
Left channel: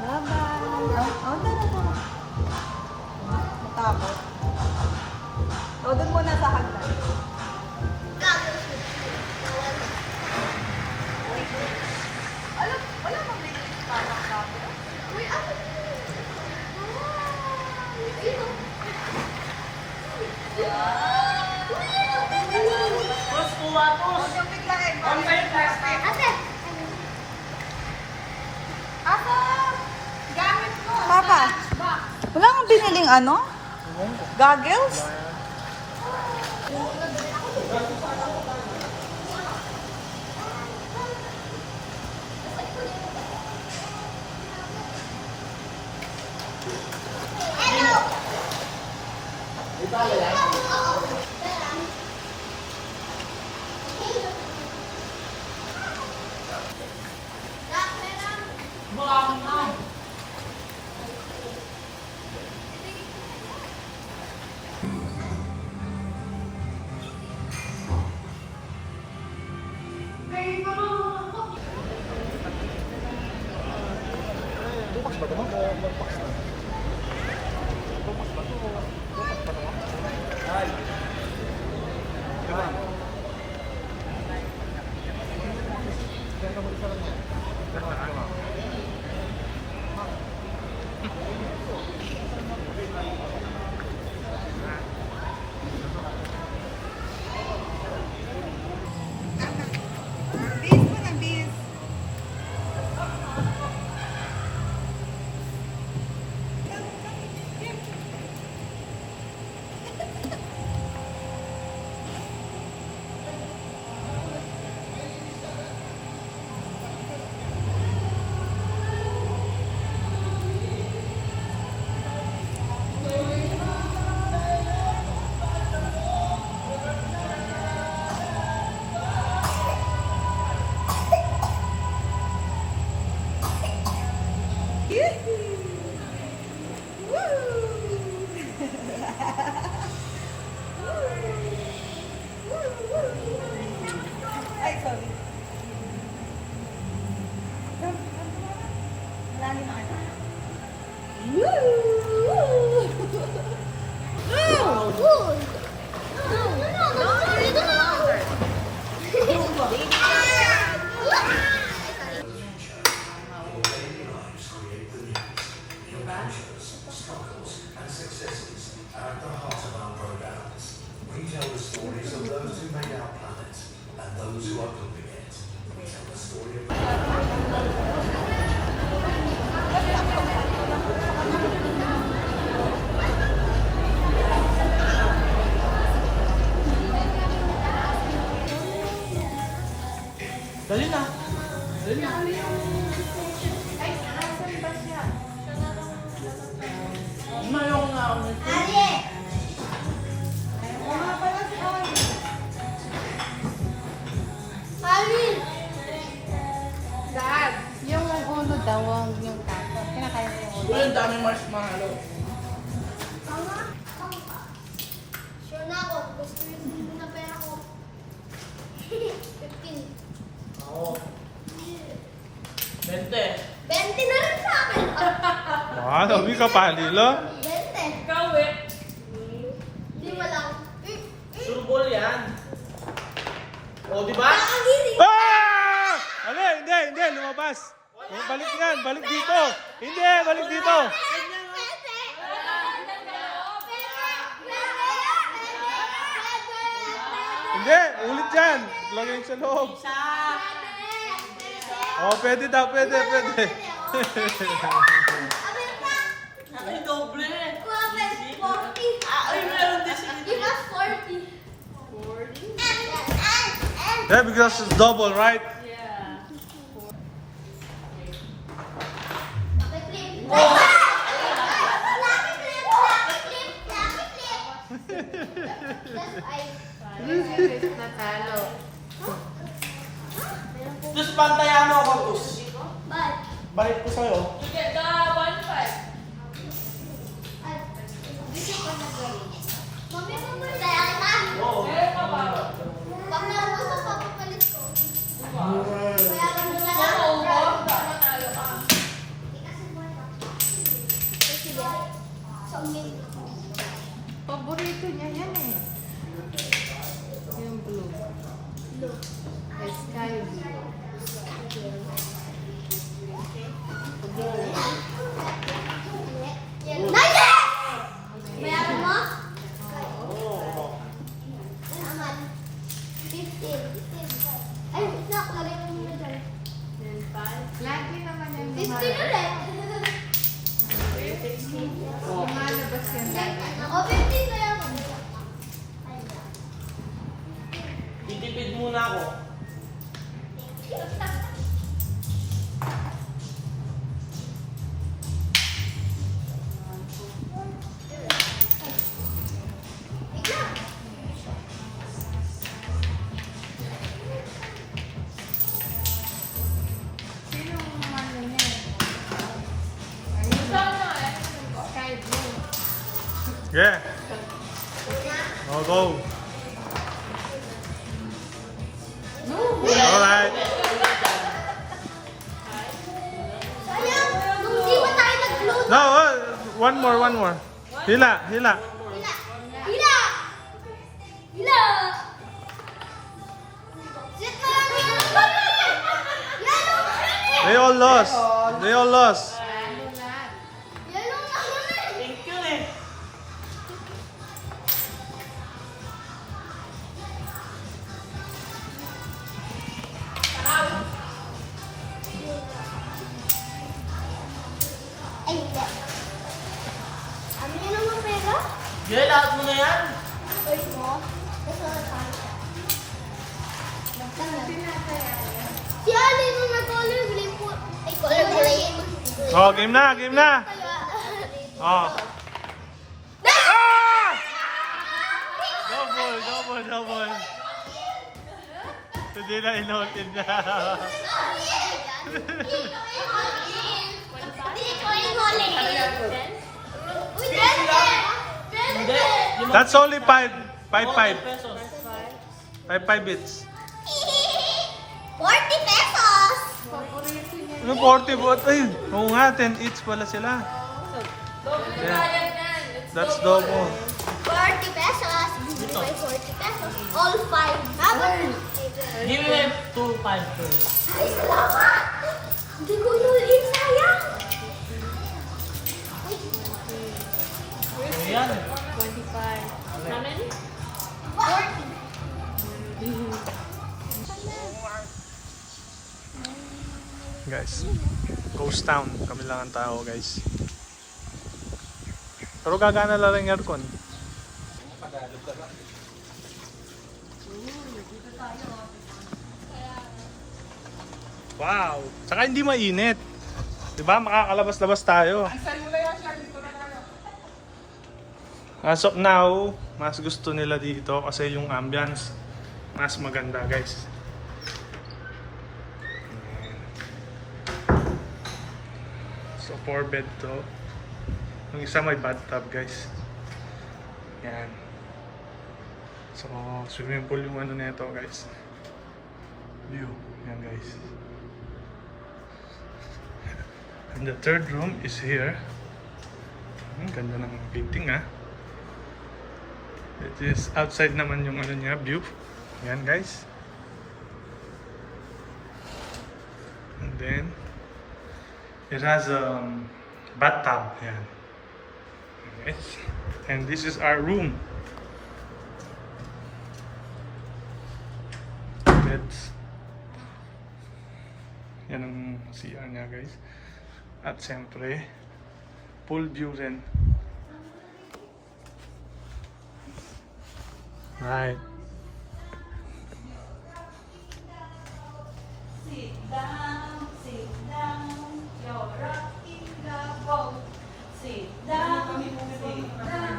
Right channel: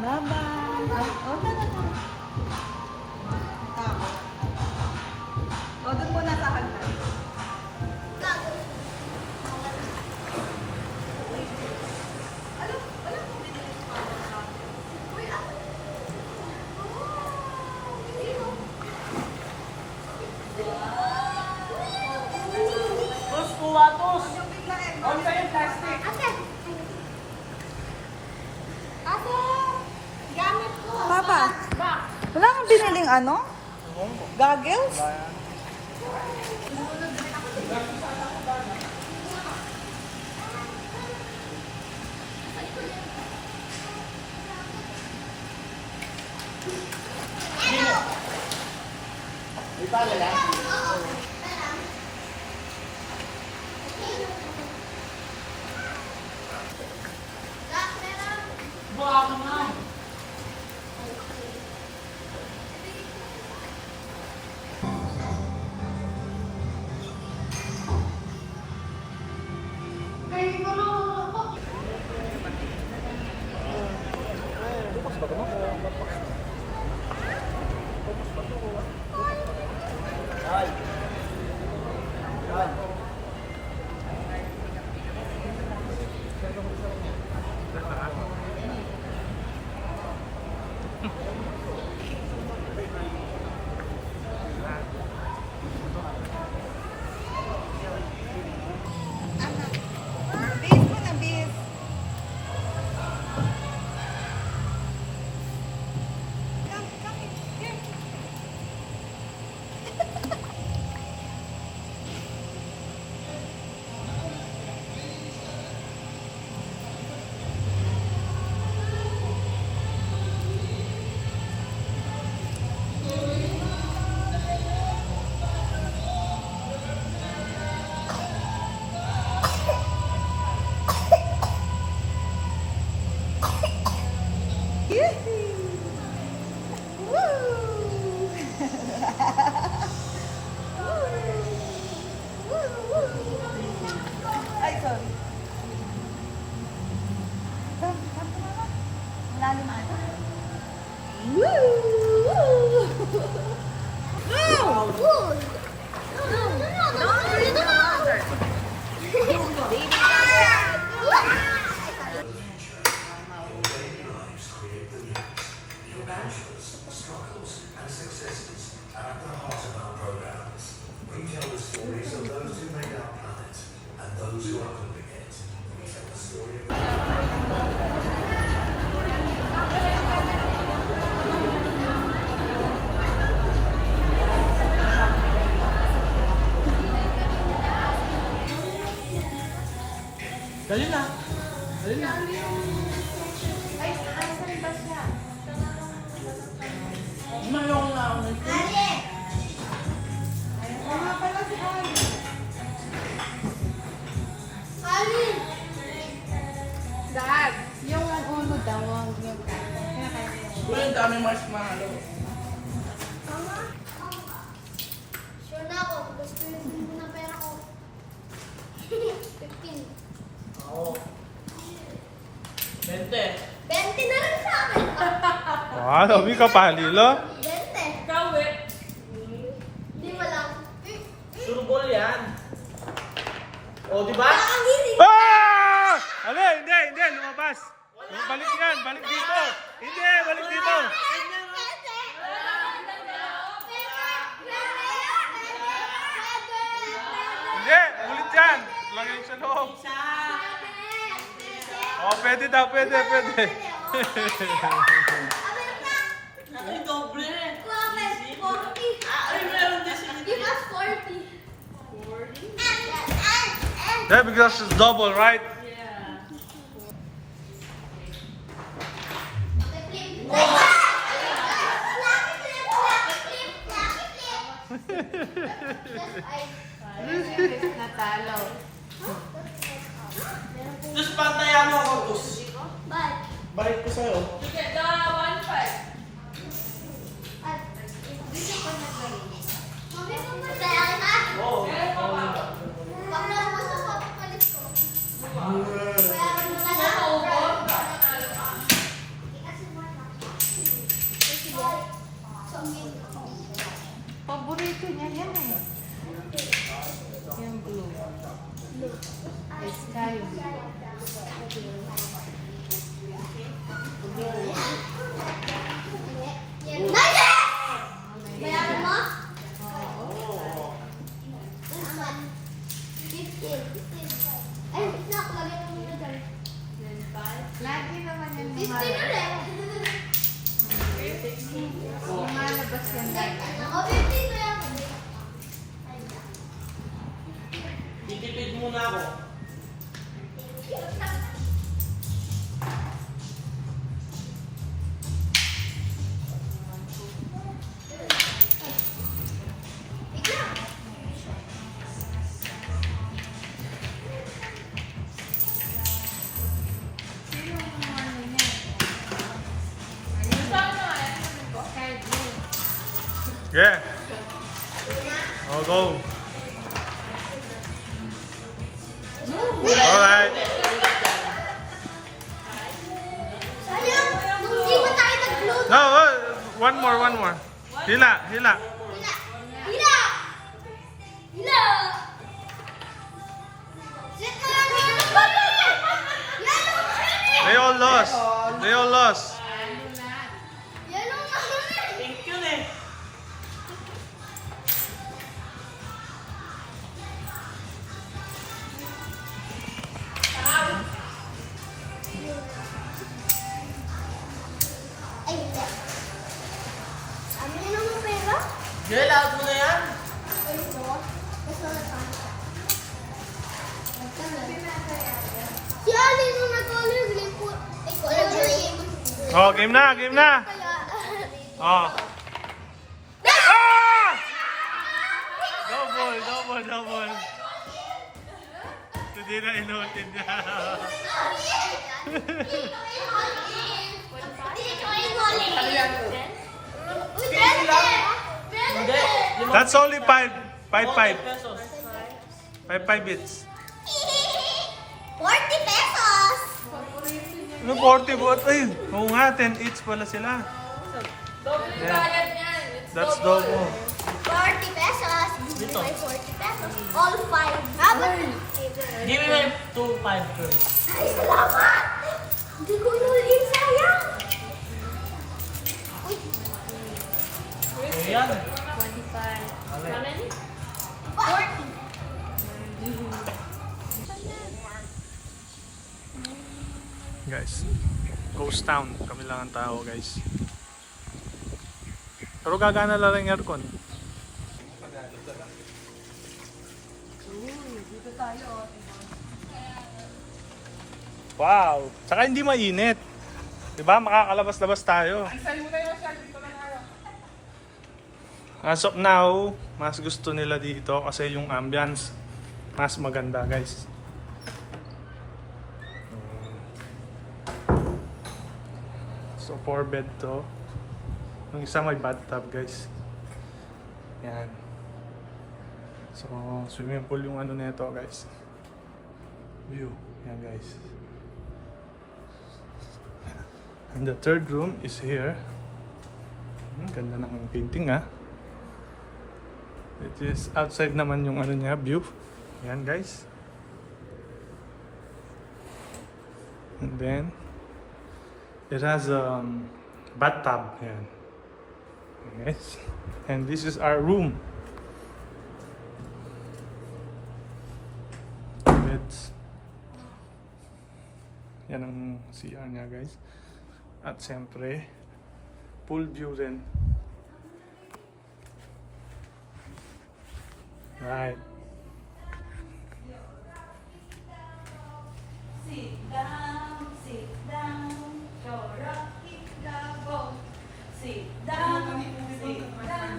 Bye-bye. Oh, tapos. O, doon muna sa hagdan. Papa, wala kang biniling ano? Goggles? malalim ata. Woo! Good. No. Dali na. Dali na. Mayroon nga ako nito. Dad, yung uno daw, yung tato. Kinakaya ko yung uno. Uy, ang daming marshmallow. Sure na ako. Gusto yung na pera ko. 15. Oo. 20. 20 na rin sa akin. Wow, sabi ka palilo. 20. Ikaw eh. Hindi mo lang. Surbol yan. O, di ba? Ang hiri. Ah! Ano? Hindi. Lumabas. Balik yan. Balik dito. Hindi, balik dito. Hindi, ulit yan. Lagay sa loob. Oh, pwede daw, pwede. Ay, doble. Ay, meron din si Give us 40. 40? Yeah, because it's double, right? Natalo. Diyos, pantayan mo ako, Diyos. But, Balik ko sa'yo. You get the 1.5. dito ko na gawin. Mami, kaya kita. Oo. Pag naubos ang papapalit ko. Kaya mo na lang. Paborito niya yan eh. Yung blue. Sky blue. Naya! Bayaran mo? Naman. 15. Ay, wait na. Lagay mo muna dyan. Lagi naman yung 15 ulit. lumalabas yan lagi. O, 15 kaya mo. Titipid muna ako. Sino yung ano niya? Sky blue. Yeah. Oh, go. Alright. Sayang, nung di ba tayo nag-load? No, one more. Hila. Hila! Hila! Hila! Sit mo lang dito. Yellow! They all lost. Ano lahat? Yellow na huli! Thank you eh. Ay, hindi. Sabi niya naman pera? Gel, lahat mo na yan. Ay, mo. Gusto na tayo. Si Alin nung nag-color green po. Ay, color green. Oh, game na. Kaya, Oh. Ah! Double. Hindi na inotin niya. Hindi. That's only 5 pesos. 5 bits. 40 pesos! Ano 40 baht? Ay, oo nga, 10 each pala sila. Yeah. That's double. 40 pesos. Dito. 40 pesos. All 5. Dapat. Give me 2-5 first. Ay, salamat! Hindi ko yun sayang. Ayan. 40. Guys, ghost town. Kami lang ang tao, guys. Pero gagana lang yung aircon. Wow! Tsaka hindi mainit. Diba? Makakalabas-labas tayo. As of now, mas gusto nila dito kasi yung ambience mas maganda, guys. So, 4 bed to. Yung isa may bathtub, guys. Yan. So, swimming pool yung ano nito, guys. View. Yan, guys. And the third room is here. Ganda ng painting, ha. It is outside naman yung ano niya, view. Yan, guys. And then, it has a bathtub. Yan. Okay. And this is our room. Beds. Yan ang CR niya, guys. At siyempre, pool view rin. Right. Sit down, you're rocking the boat. Sit down,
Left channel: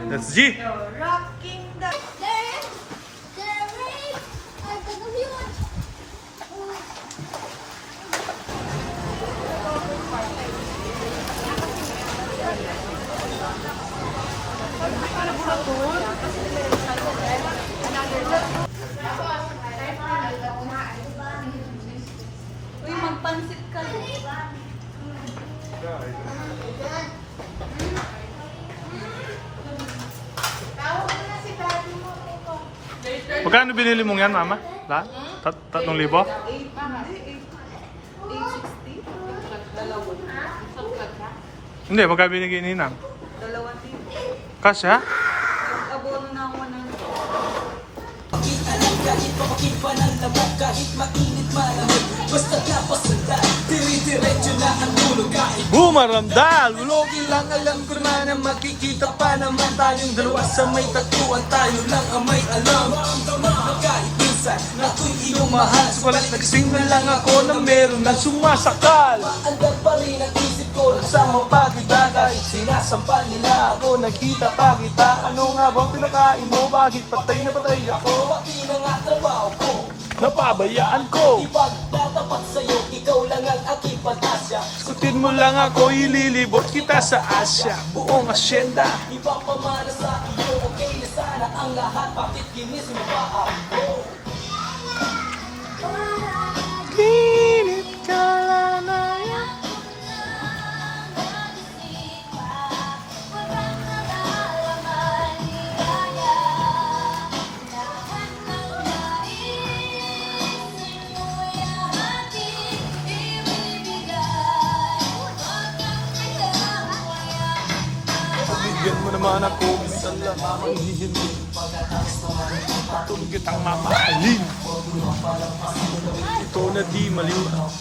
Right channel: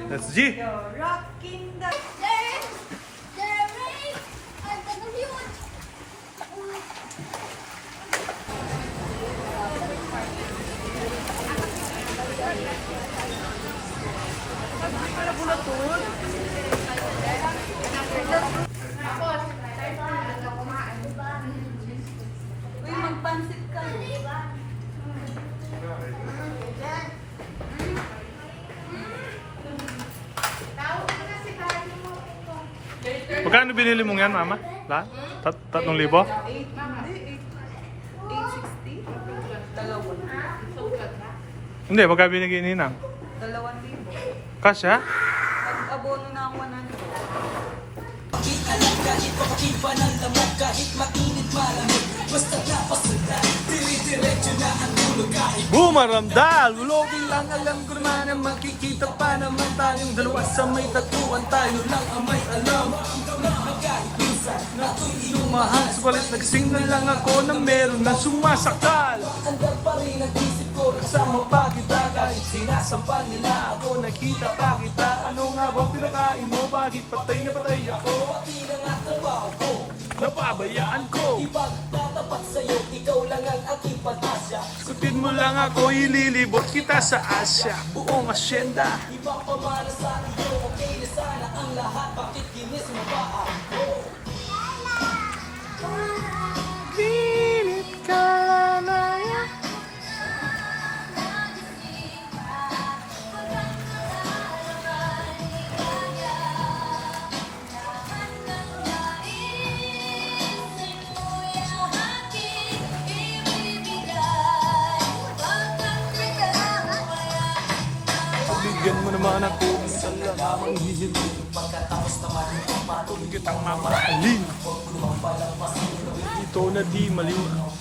That's G. you're rocking the Derek! Derek! Ay, ganun yun. Uy, magpansit ka. Magkano binili mong yan, mama? Lahat? 3,000? Hindi, 860. Hindi, magkano binigay ni Ninang? 2,000. Kasya? Nag-abono na ako ng Bumaramdal! Ulogin lang, alam ko naman na makikita pa naman tayong dalawa sa may tagpuan. Tayo lang ang may alam. Lumahal, subalit nagsing na lang ako na meron na sumasakal. Sama pa kita kahit sinasampal nila ako. Nakita pa kita, ano nga bang pinakain mo? Bakit patay na patay ako? Napabayaan ko. Skutin mo lang ako, ililibot kita sa Asya. Buong asyenda. Pinit ka na yan. Pabigyan mo naman ako, minsan lang amang hihintin. Patuloy kitang mamahalin. Ito na di maliwa.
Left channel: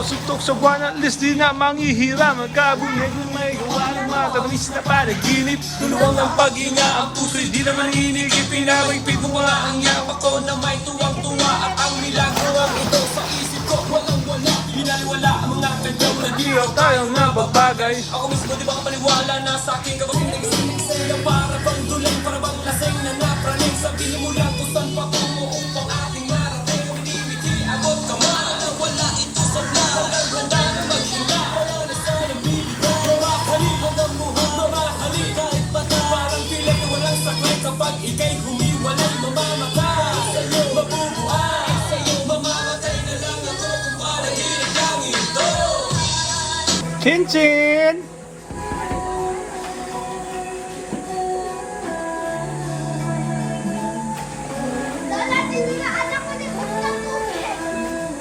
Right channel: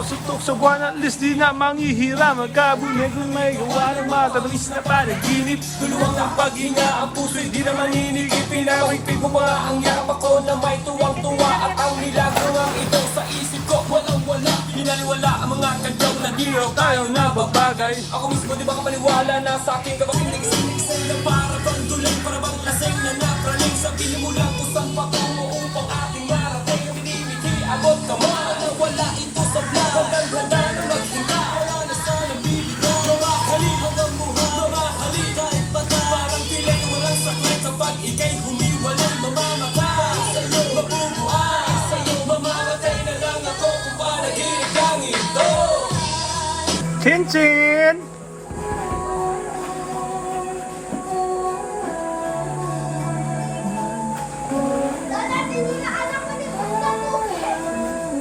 Suntok sa buwan at least di na manghihira. Magkabunig kung may gawa ng matatamis na panaginip. Luluwang ang paghinga, ang puso'y di na maninigip. Pinapagpig mo ba ang yawa ko na may tuwang-tuwa. At ang milagro ang ito sa isip ko. Walang-wala, hinaliwala ang mga kanyang nagiraw tayo nga babagay. Ako mismo di ba kapaniwala na sa aking kapatid nagising na para bang dulang, para bang laseng na napraling. Sabihin mo lang kung saan pa tungo upang ating marating. Kung hindi abot ka man na wala ito sa vlog. Walang handa na maghinga, wala na sana bilang. Mamahali hanggang buhok, mamahali kahit bata. Parang pilay walang sakit kapag ika'y humiwalay. Chin Chin!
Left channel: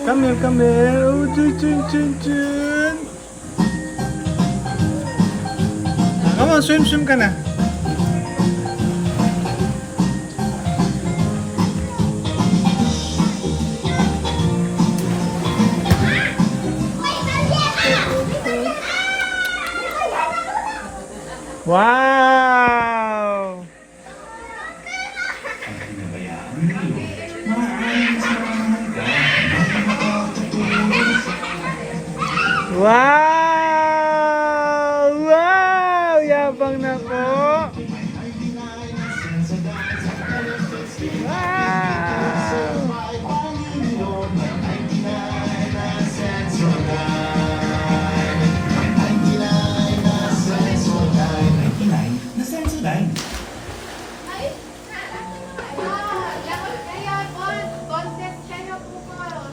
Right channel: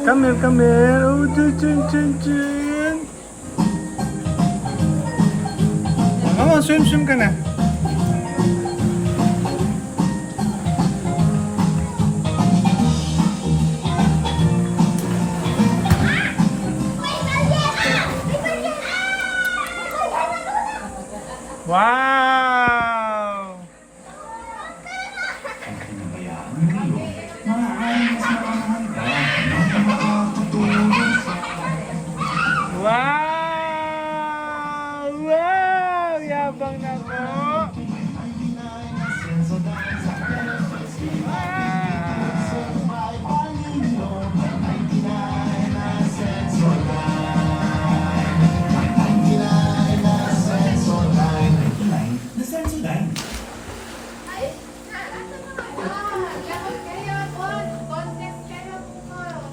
Come here. Oh, Chin Chin. Come on, swim ka na. Wow! Wow! Wow! Yabang na ko!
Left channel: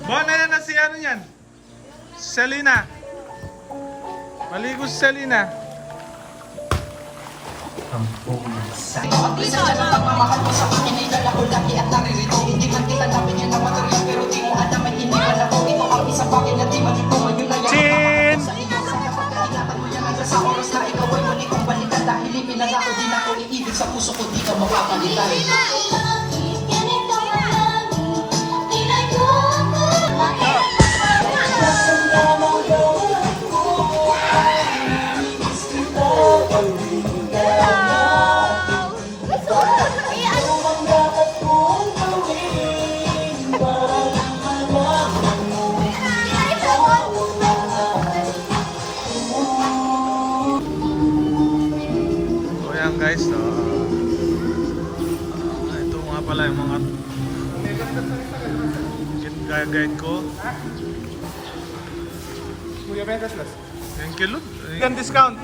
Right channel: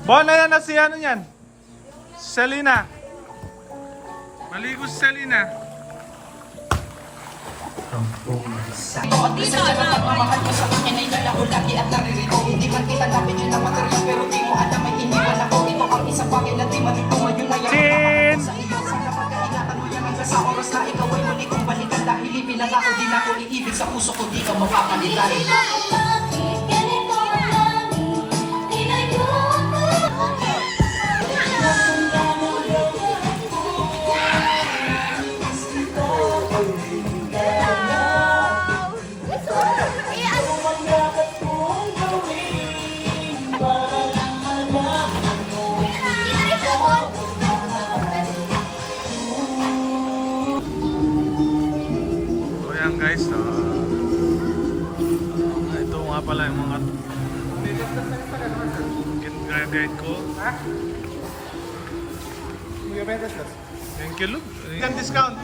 Bon, ayan na si ano yan? Selena. Maligo si Selena. Chin! So yan guys, ito nga pala yung mga guide ko. Thank you, look. Can discount.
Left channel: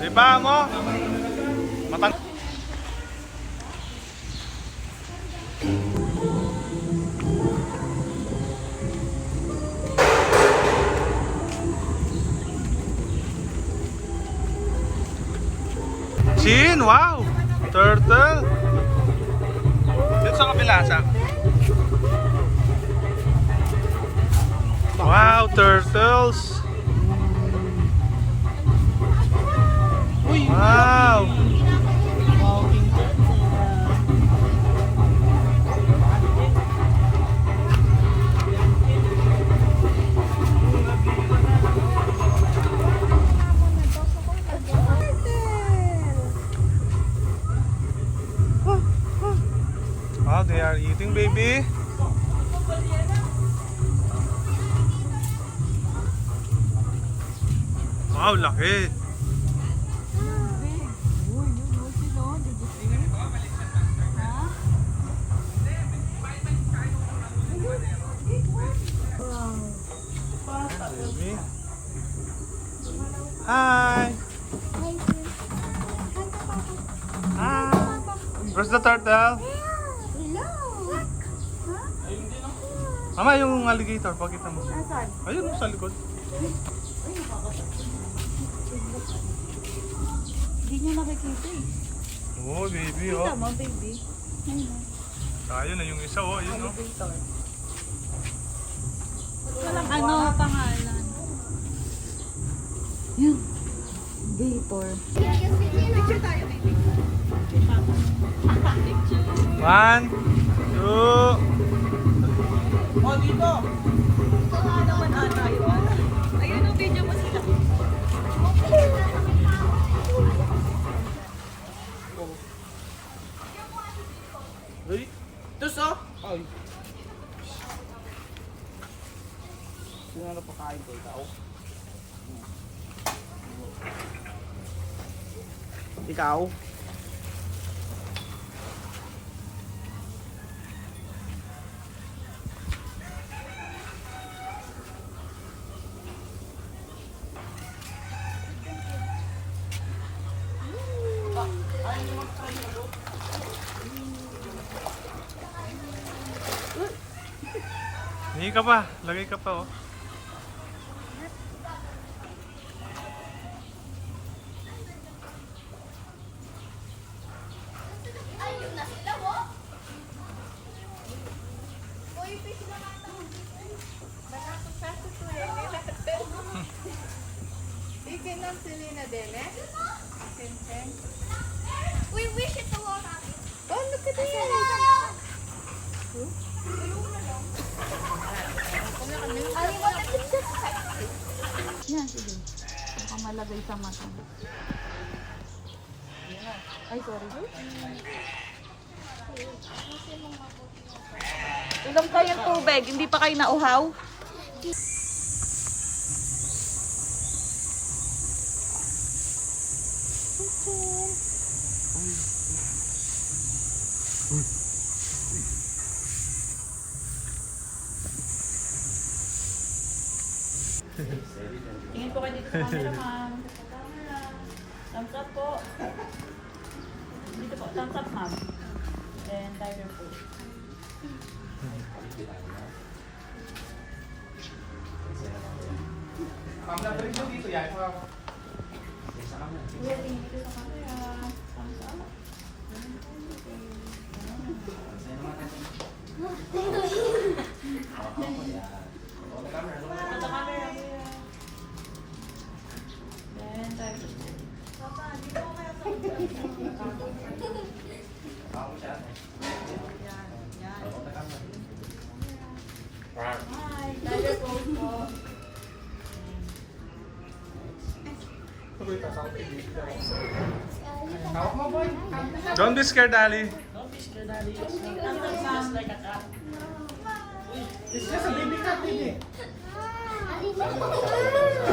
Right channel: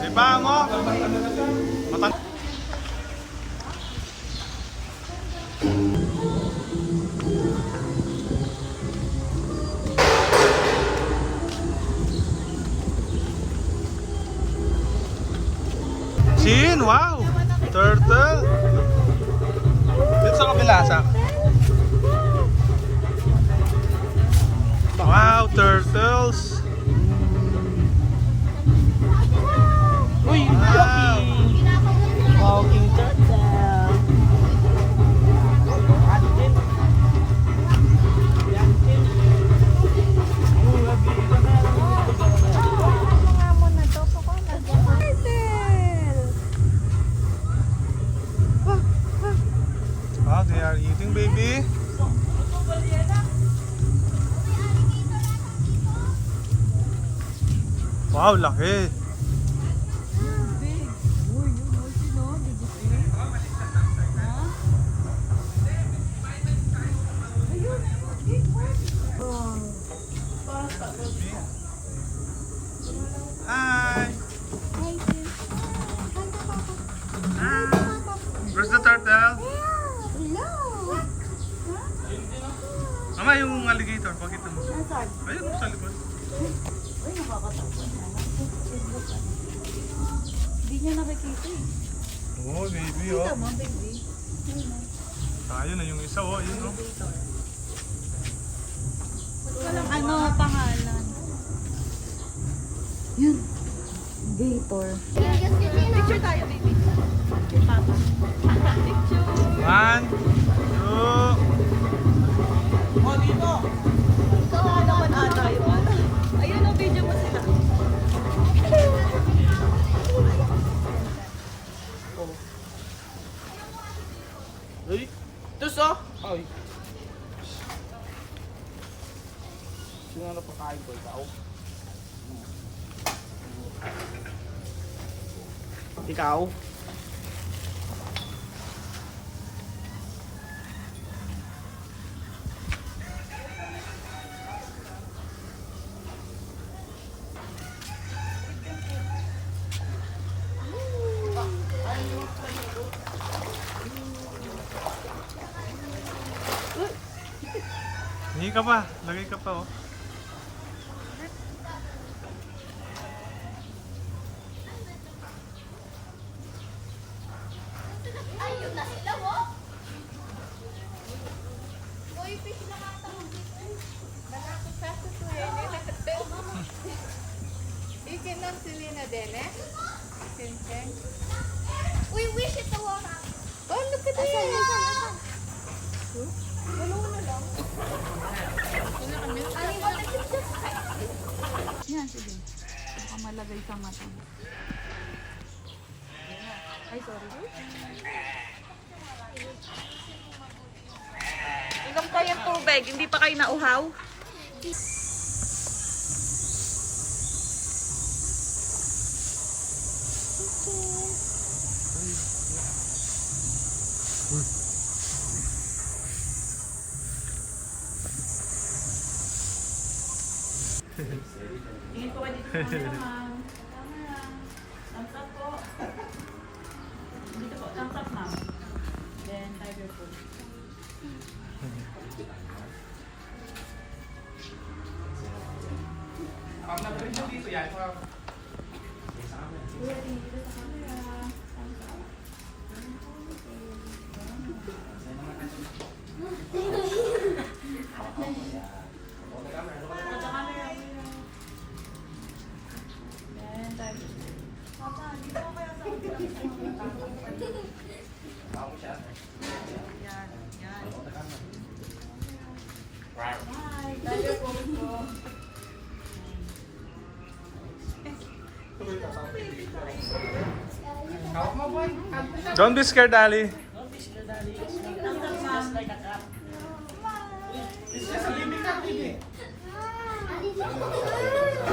Diba mo? Matang. Chin, wow! Turtle! Dito sa kabila, sa? Wow, turtles! Uy! Wow! Walking turtle. Wow, they are eating, baby. Wow, laki. Baby. Hi. Hi. Where's the turtle? Mama, yung alligator, pakita mo. Ayun, sa likod. Hindi niya nakikita eh. Oh, baby, oh. Tama, baby. Ayun na yung isa, oh. Ayun, oh. Ano pangalan? Yun. Gator. Picture tayo, baby. Papa. Picture. 1, 2. Oh, dito! Ikaw naman ata yun. Ayun ang video mo sila. Uy! Tus, oh! Ay! Sino na pakain ko? Ikaw? Ikaw? Lagay ka pa. Lagay ka pa, oh. Ayun na sila, oh. Boy, fish na nga tawag dito. Malapit sa tutuhin natin. Ikinom si Lina din eh. Sing-sing. We wish it to all. Oh, look at that. Yan, sige. Baka malagay sa mata. Ay, sorry. Inom kayo tubig, hindi pa kayo nauhaw? Tingin po kayo dito sa camera, ma'am. Thumbs up po. Dito po, thumbs up, ma'am. Then, tiger po. Then, tiger po. Hi, tiger pose po. Don't be scared, Ali. Don't be scared, Daddy. Just like a cat.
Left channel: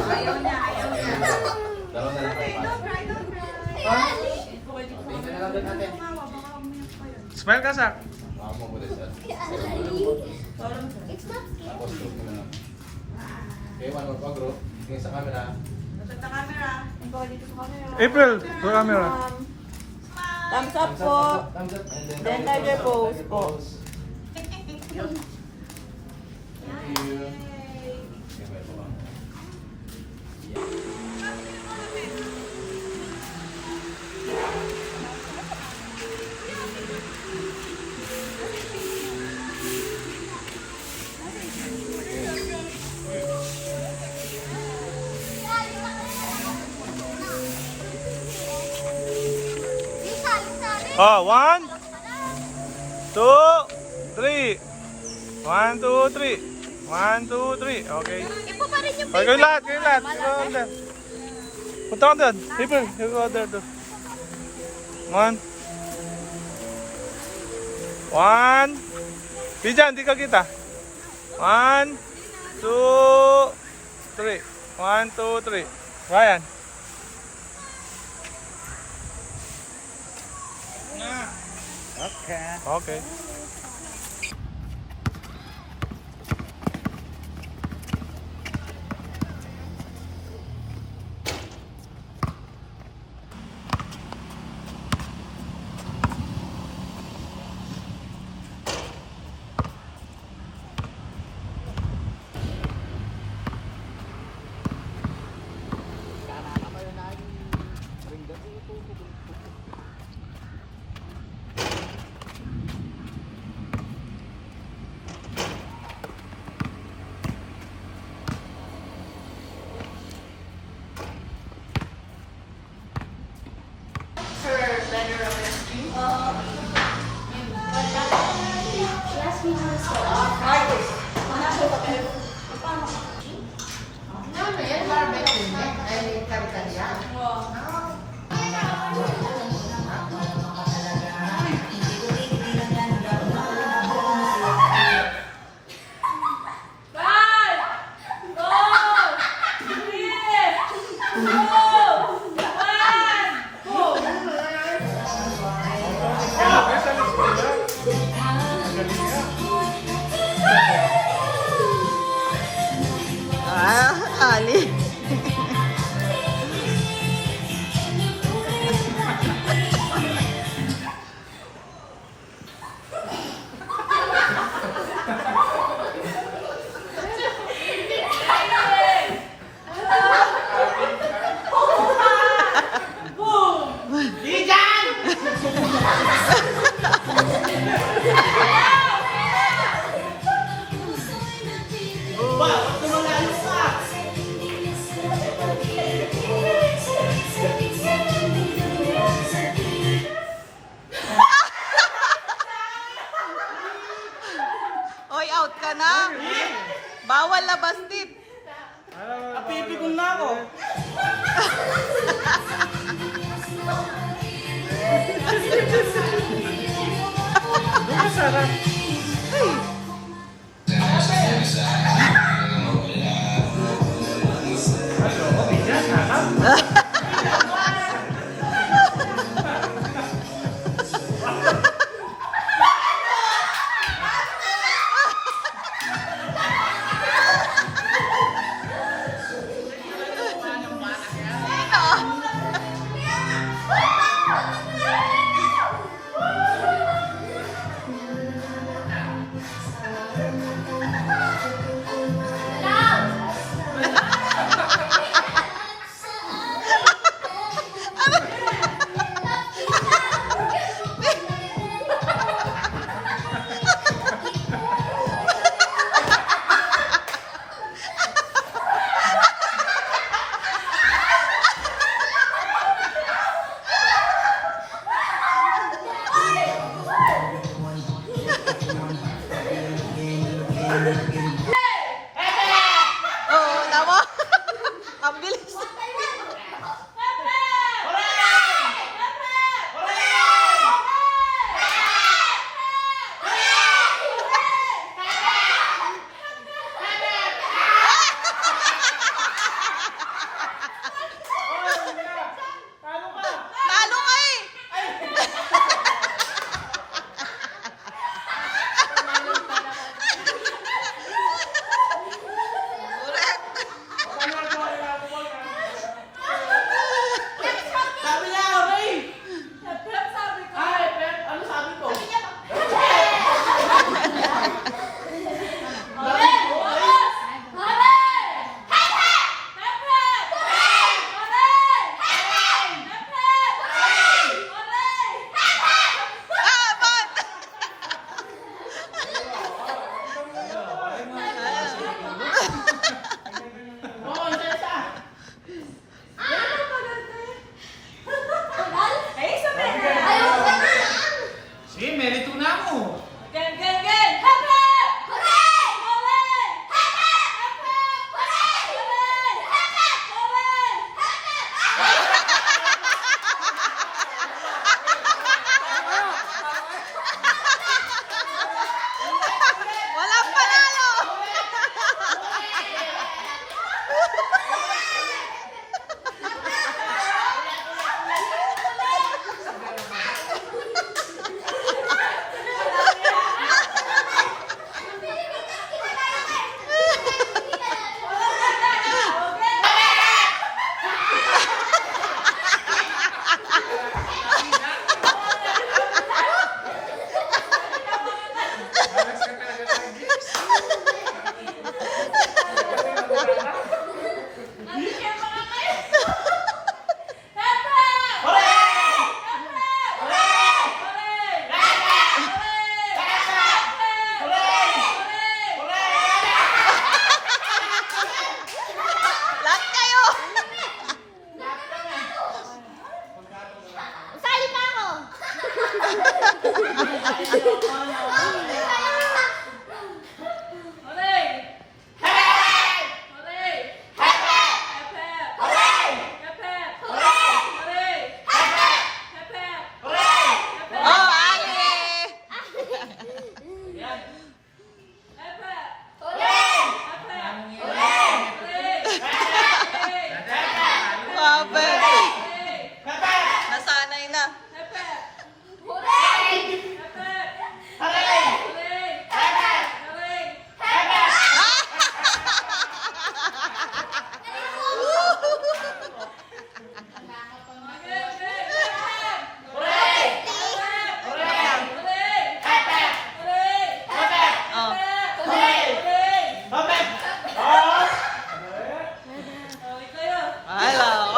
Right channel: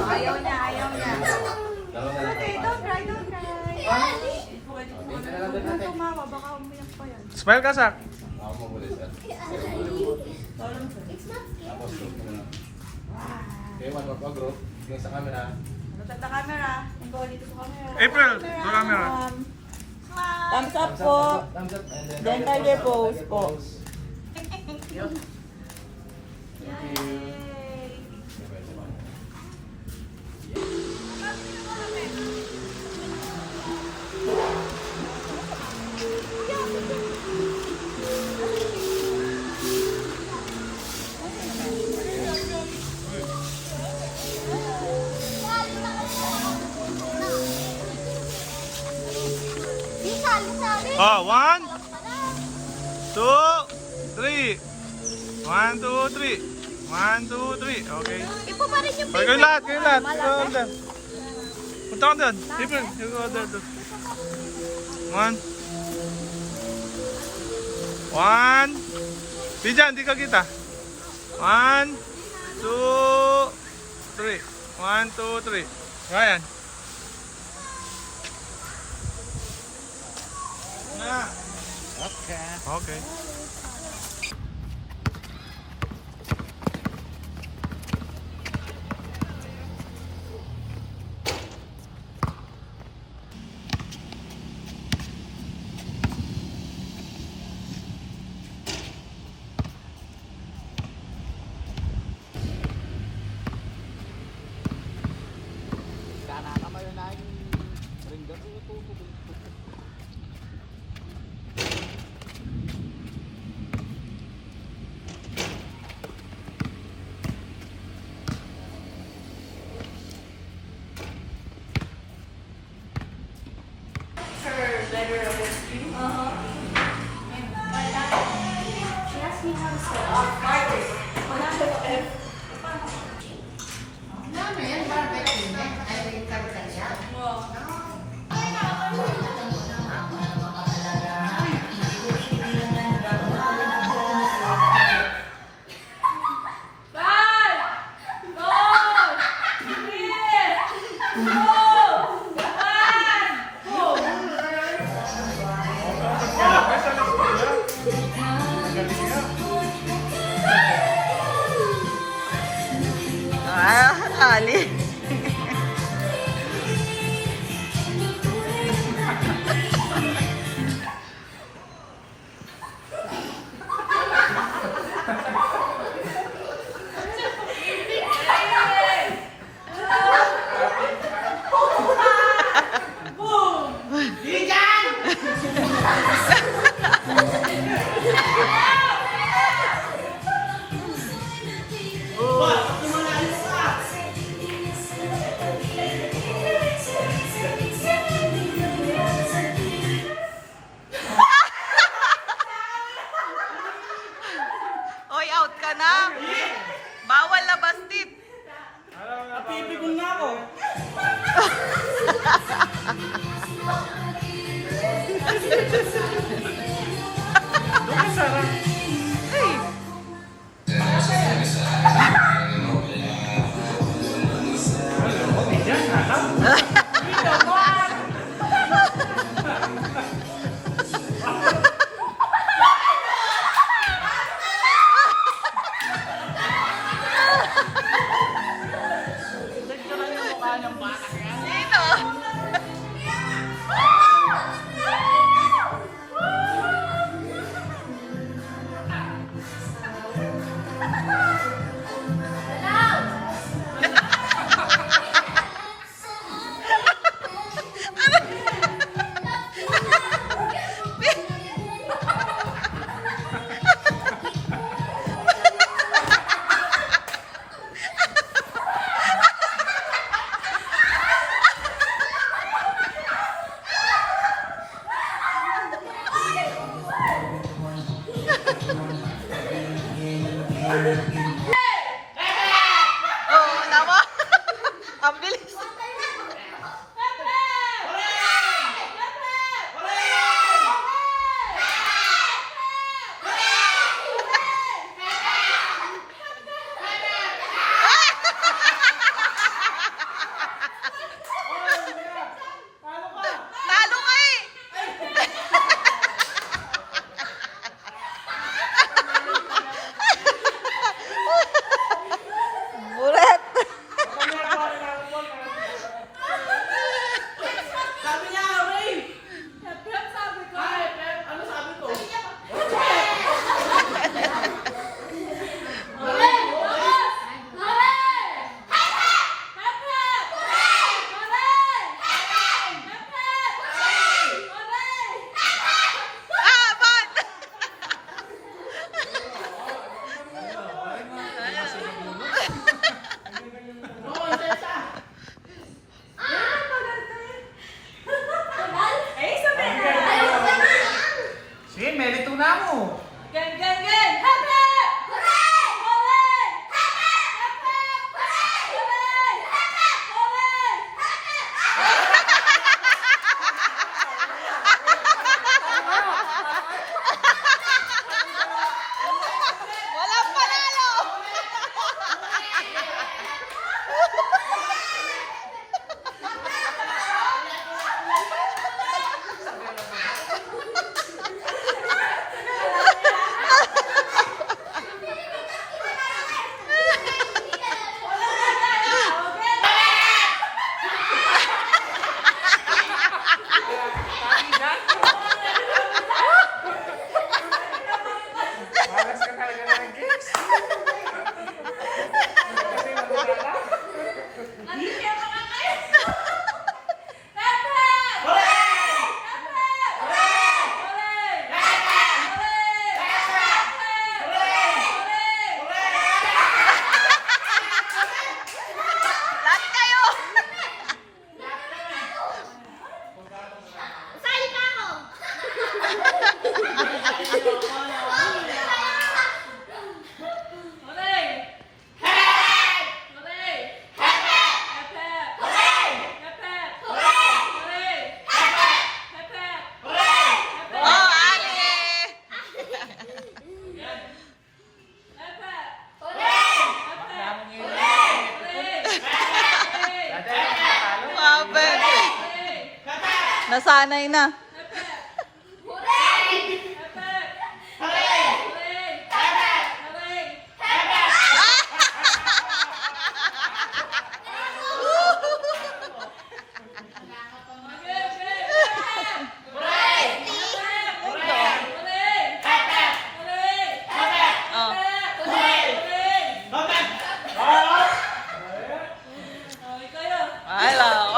Ayaw niya, ayaw niya. Smile ka, Sak. Sa camera. Tingin po kayo dito sa camera. April, to camera. Thumbs up po. Then, tiger pose po. Oh, 1, 2, 3. 1, 2, 3. 1, 2, 3. Okay. Okay, kayong lahat, kayong lahat. You go on there. Punta ka doon. April, you go there. 1. 1. Pijan, di ka kita. 1, 2, 3. 1, 2, 3. Ryan. Okay. Ali. Oo, tama. Ang bilis. Lalo ka eh. Buret. Nasanay na. Hello.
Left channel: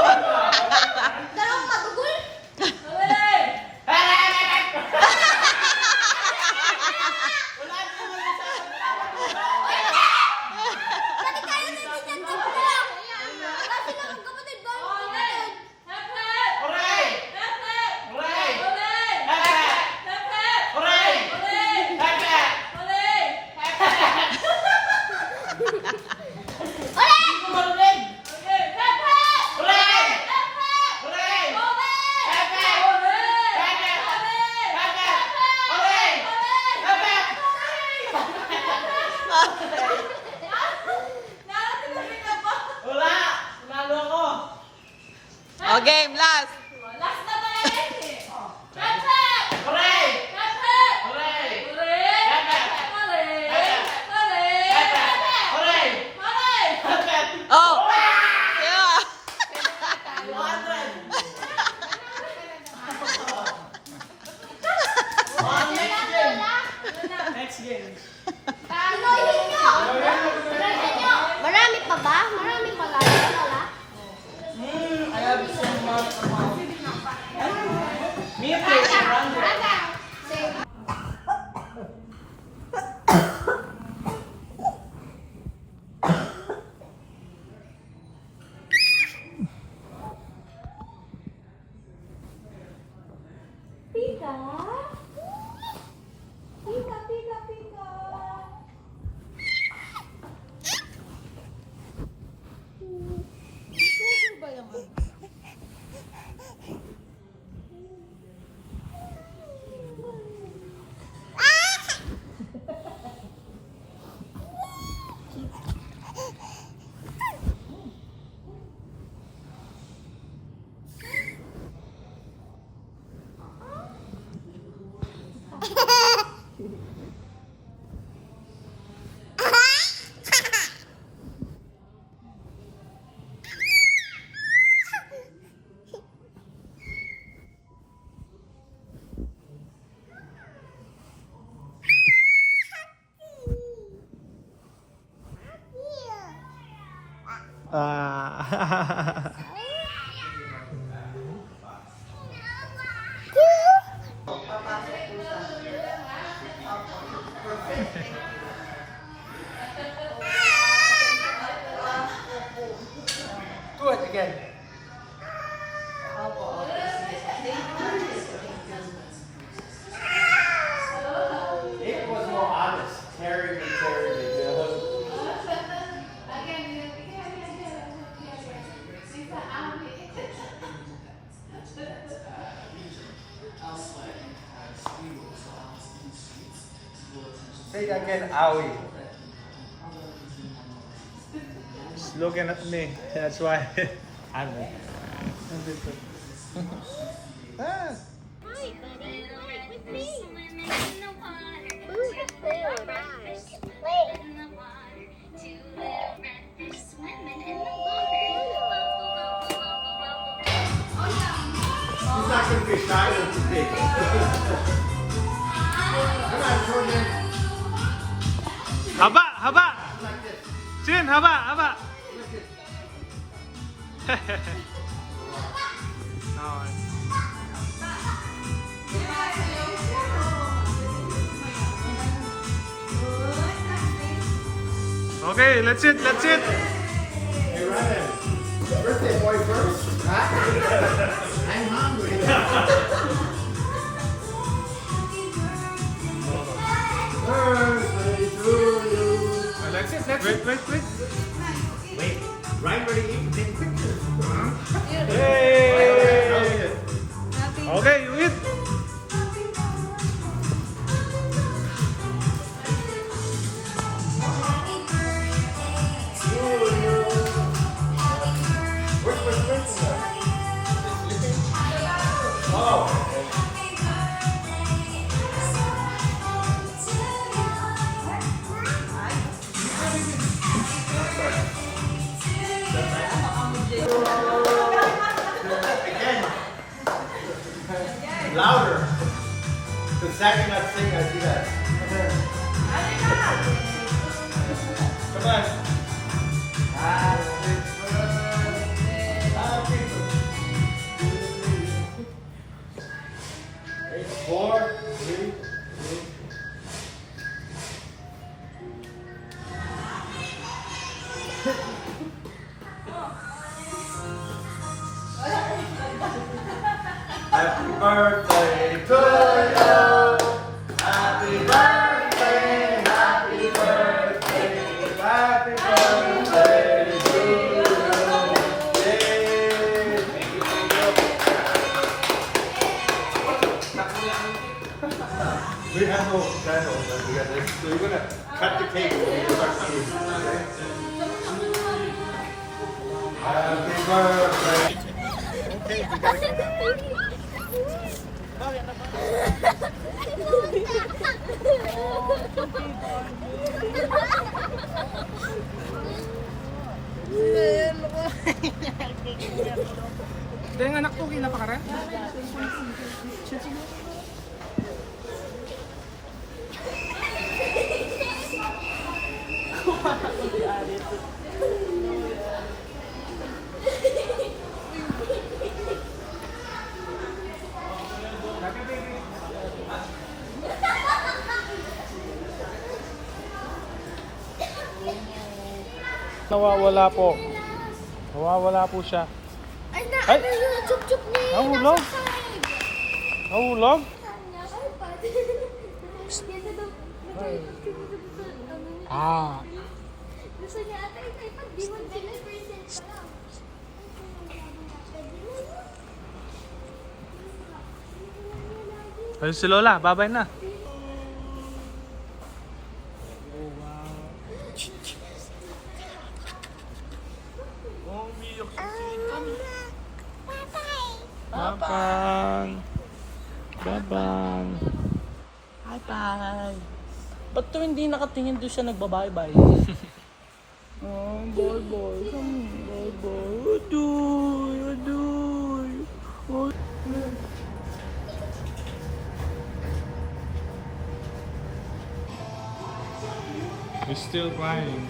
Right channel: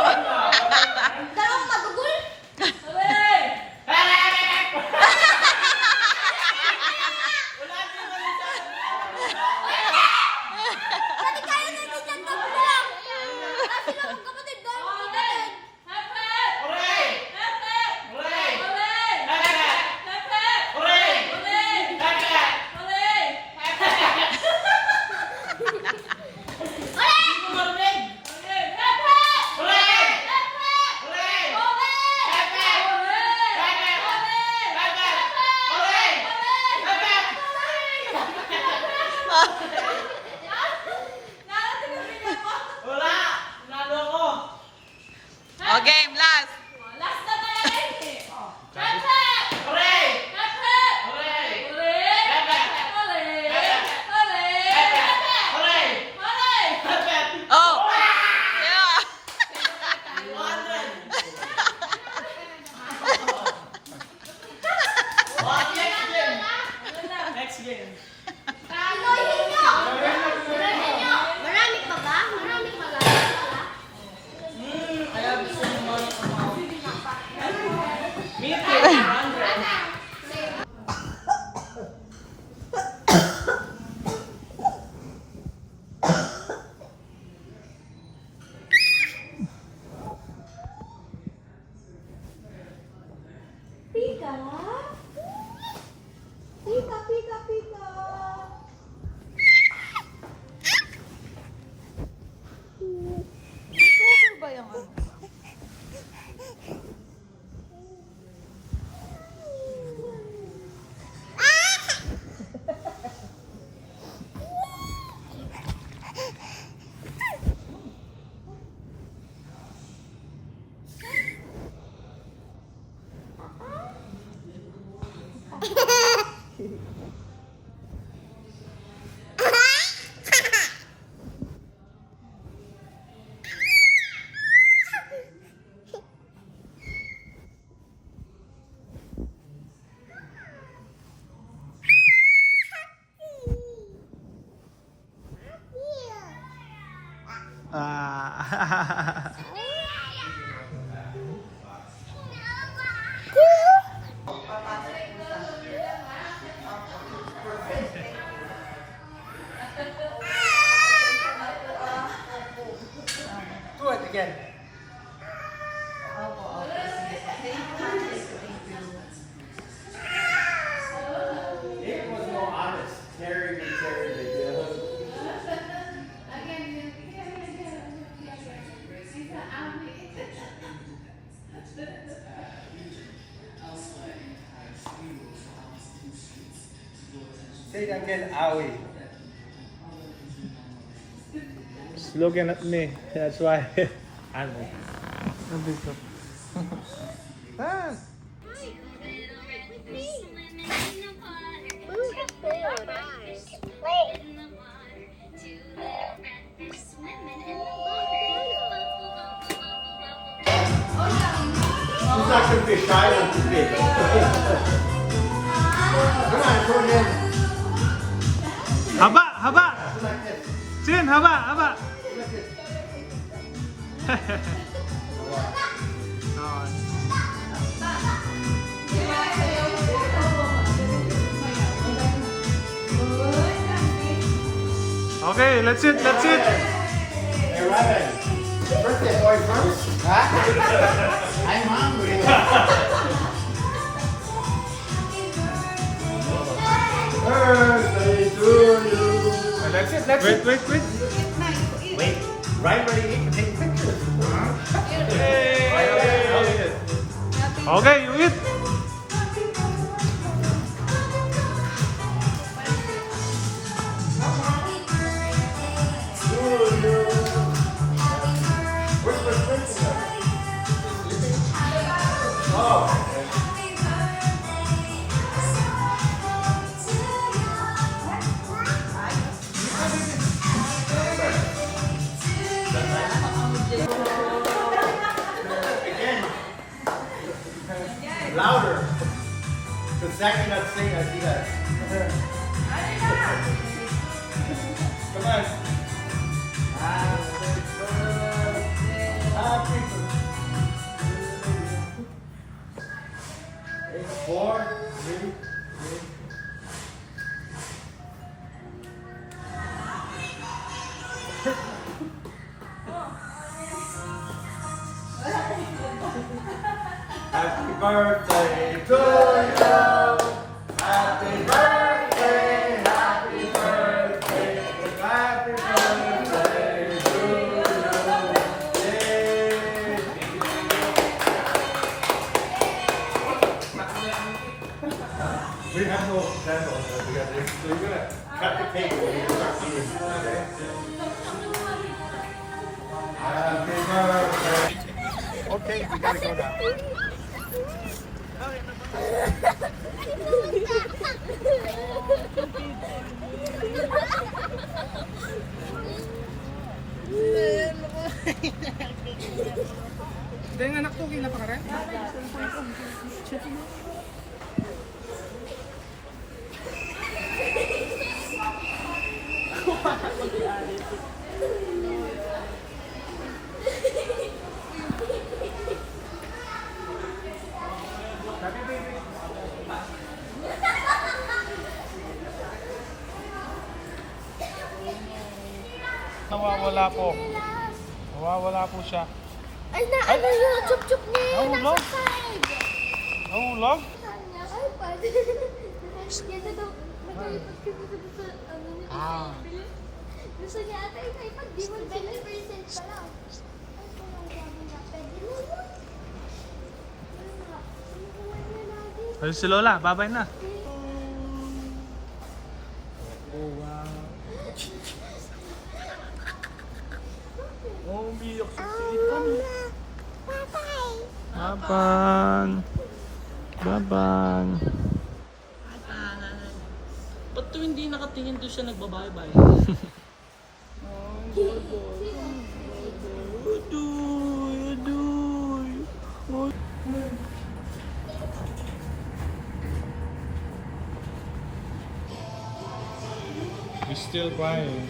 Marami pa ba? Marami pa ba? Wala? Pika? Pika, pika, pika. Cover ba yung ano? Ah. Do it again. It was more honest. Terry and Terry. Say that again, owie. He's looking at me. That's why. Ano? He's not going to be shy when he's big. Come on, show again. Haba! Haba! Chin! Haba! Haba! Okay, let's eat, let's eat. Hey, Robin. Birthday boy first. Huh? I'm hungry. Birthday to you. That's it, that's Wait, wait, wait. Wait, right where you eat, take pictures. Yay! Okay, you eat. Where's my prince? Oh. Again. Louder. Because Zach cannot sing like he does. Come on. Happy birthday. It's 4, 3, 3. Happy birthday to you. Happy birthday, happy birthday, happy birthday to you. Yay. We have no candles together, so you're gonna cut the cake when you start eating. Okay? Happy birthday. Dahil anak ko, kinapakaran? Nawawala po. Nawawala po siya. Ay, ano yung chup-chup niya? Nawala? Nasa side. Nawala? Ay, pwede. Yan na daw. Nag-iipad ka na daw sa ano niya. Gusto niya ata yung iPad. Di mo sila present pa lang. Ay, kung gabi na. Pwede na yun. Ayun si Lola, babay na. Babang. Babang. Atang. Ba't to hindi nakatingin doon siya nagbabay-bye? He's still crying.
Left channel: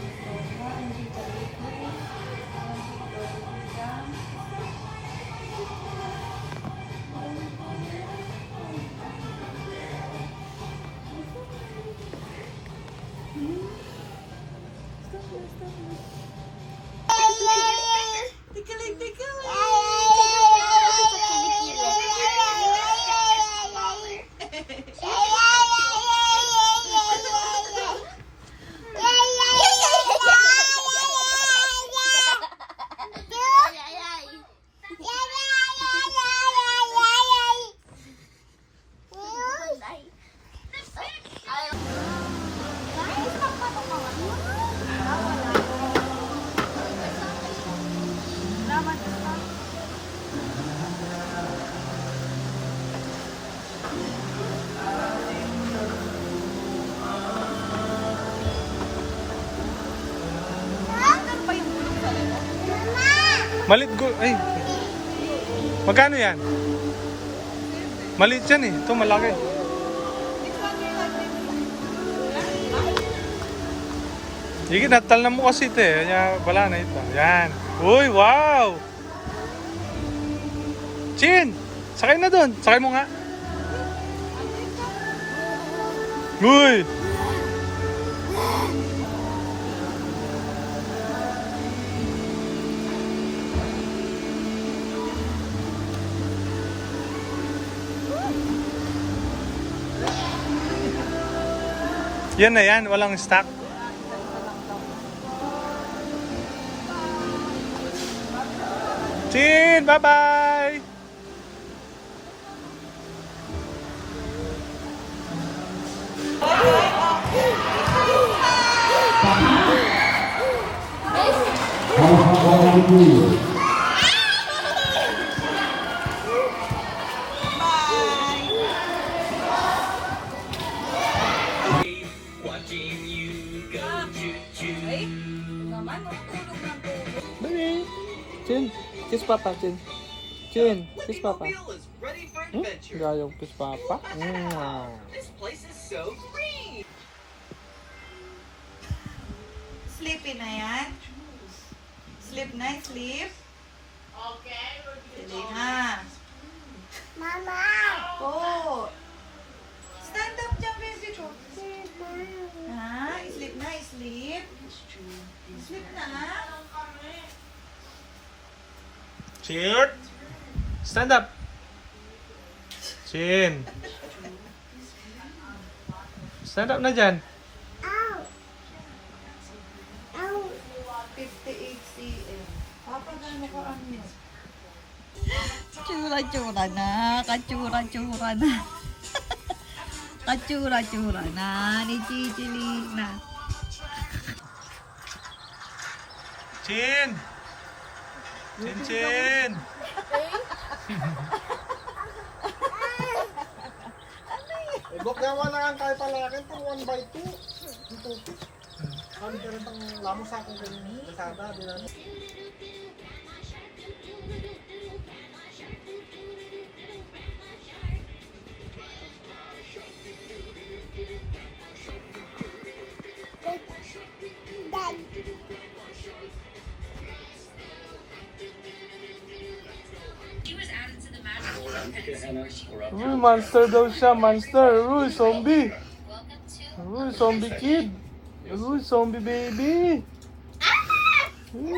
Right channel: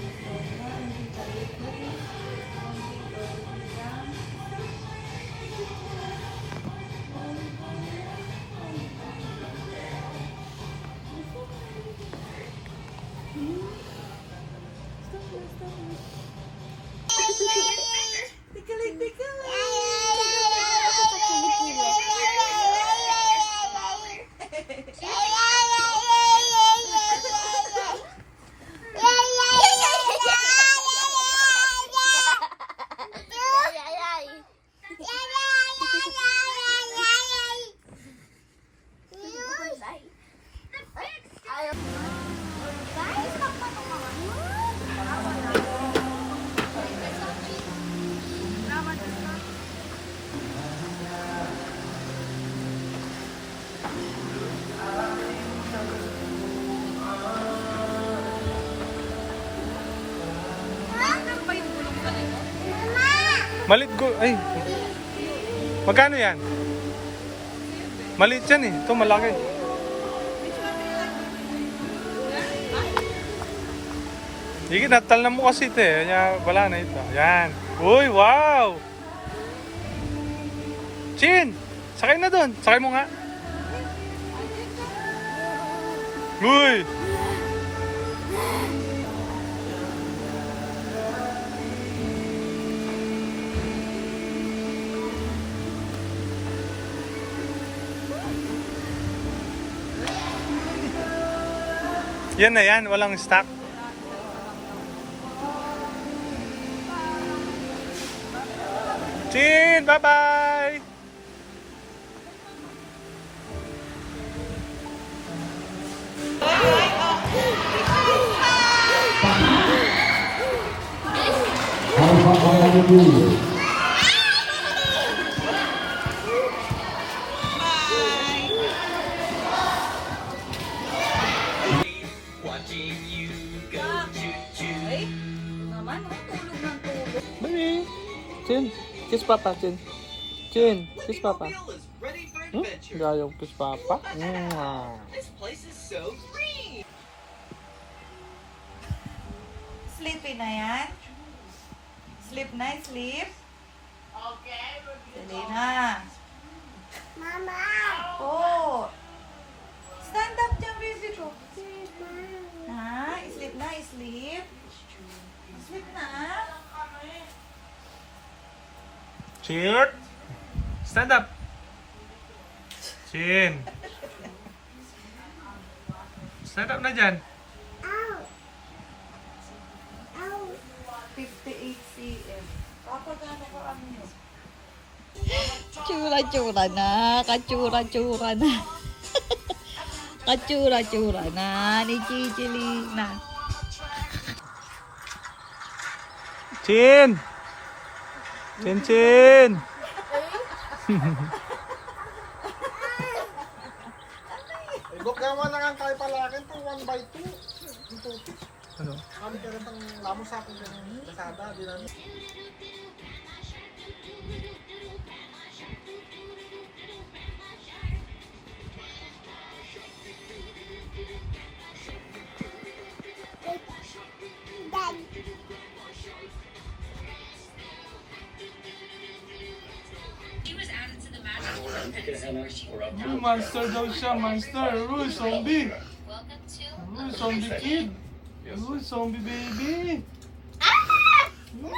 Malit go. Ay. Magkano yan? Maliit yan eh. Ito malaki. Sige, natal na mo kasi ito eh. Kaya wala na ito. Yan. Uy, wow! Chin! Sakay na doon. Sakay mo nga. Uy! Yan na yan, walang stock. Chin, bye-bye! Watching you go choo-choo. Naman, no? Tulog ng tulog. Baby. Chin. Kiss Papa, Chin. Chin. Kiss Papa. Mobile is ready for Hmm? adventure. Ayaw kiss Papa. Mwah. This place is so green. Sleepy na yan? Sleep na, sleep. Sige na. Mama! Oh. Stand up dyan, baby ko. Ha? Sleep na, sleep. Sleep na. Chin! Stand up! Chin! Stand up na dyan. Ow! Ow! 58 cm. Papa, gano'n ka ano yun? Tsura-tsura na, katsura-tsura na. Katsura-tsura na ni Chichelina. Chin! Chin, Chin! Ibok naman na nga tayo palakin pang 1x2. Dito. Ano? Kami ka rin pang lamang sa akin yung kasada. Uy, monster daw siya, monster. Uy, zombie. Uy, zombie kid. Uy, zombie baby. Uy.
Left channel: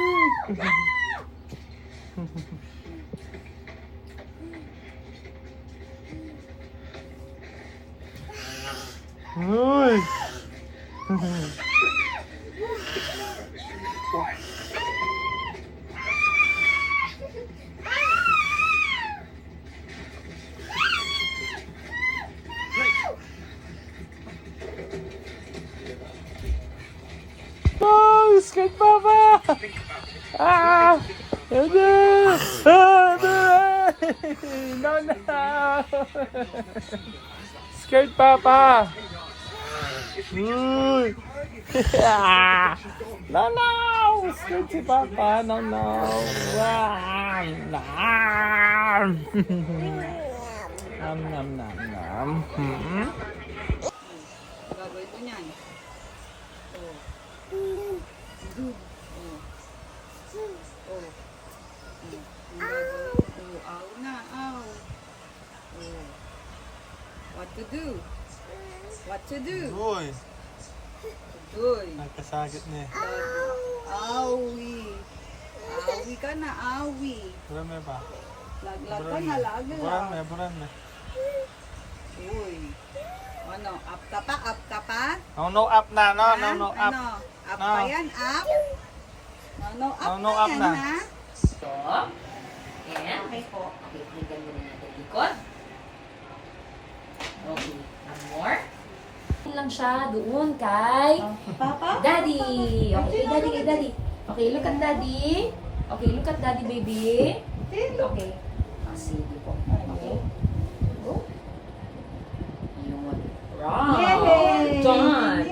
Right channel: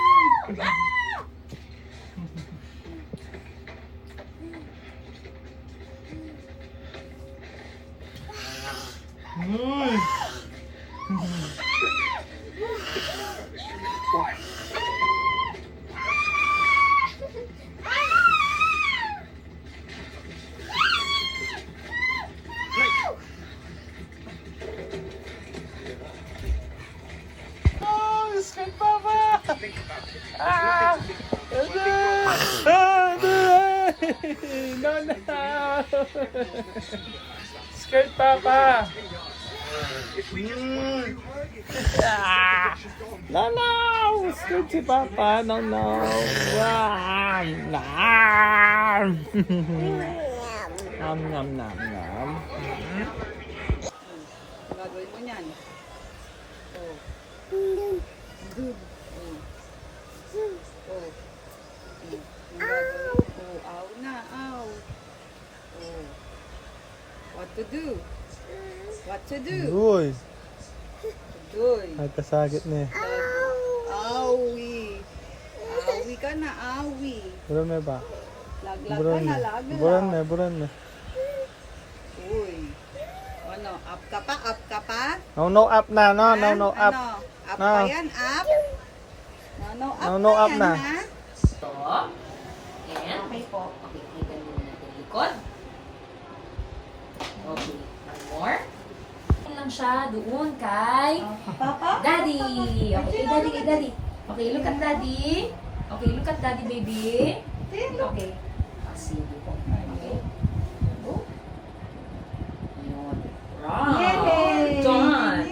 Uy. Oh, skate papa! Ah! Ede! No, no! Skate papa! Uy! Ah! No, no! Skate si papa! No, no! Wow! Nom! Nom, nom, nom, nom. Gagawin mo niyan. Oh. Good. Oh. Oh. Ang gagawin. Oh, aw na, aw. Oh. What to do? What to do? Uy! Doy. Nagkasagit niya. Awi. Awi ka na, awi. Buran na ba? Laglag ka na, laglag. Buran na. Uy. Ano, up ka pa, up ka pa? No, up na, no, Ha? no, up. Ano, up No. pa yan, up? No, up No, na up yan, na. ha? Ito. And, okay po. Okay, pakinggan muna natin likod. Okay, one more. Lang siya doon kay Papa? Daddy. Okay, kay Daddy, kay Daddy. Okay, look at Daddy. Okay, look at Daddy, baby. Okay. Sige po. Okay. Go. Ayun. Wow. Yay! Done.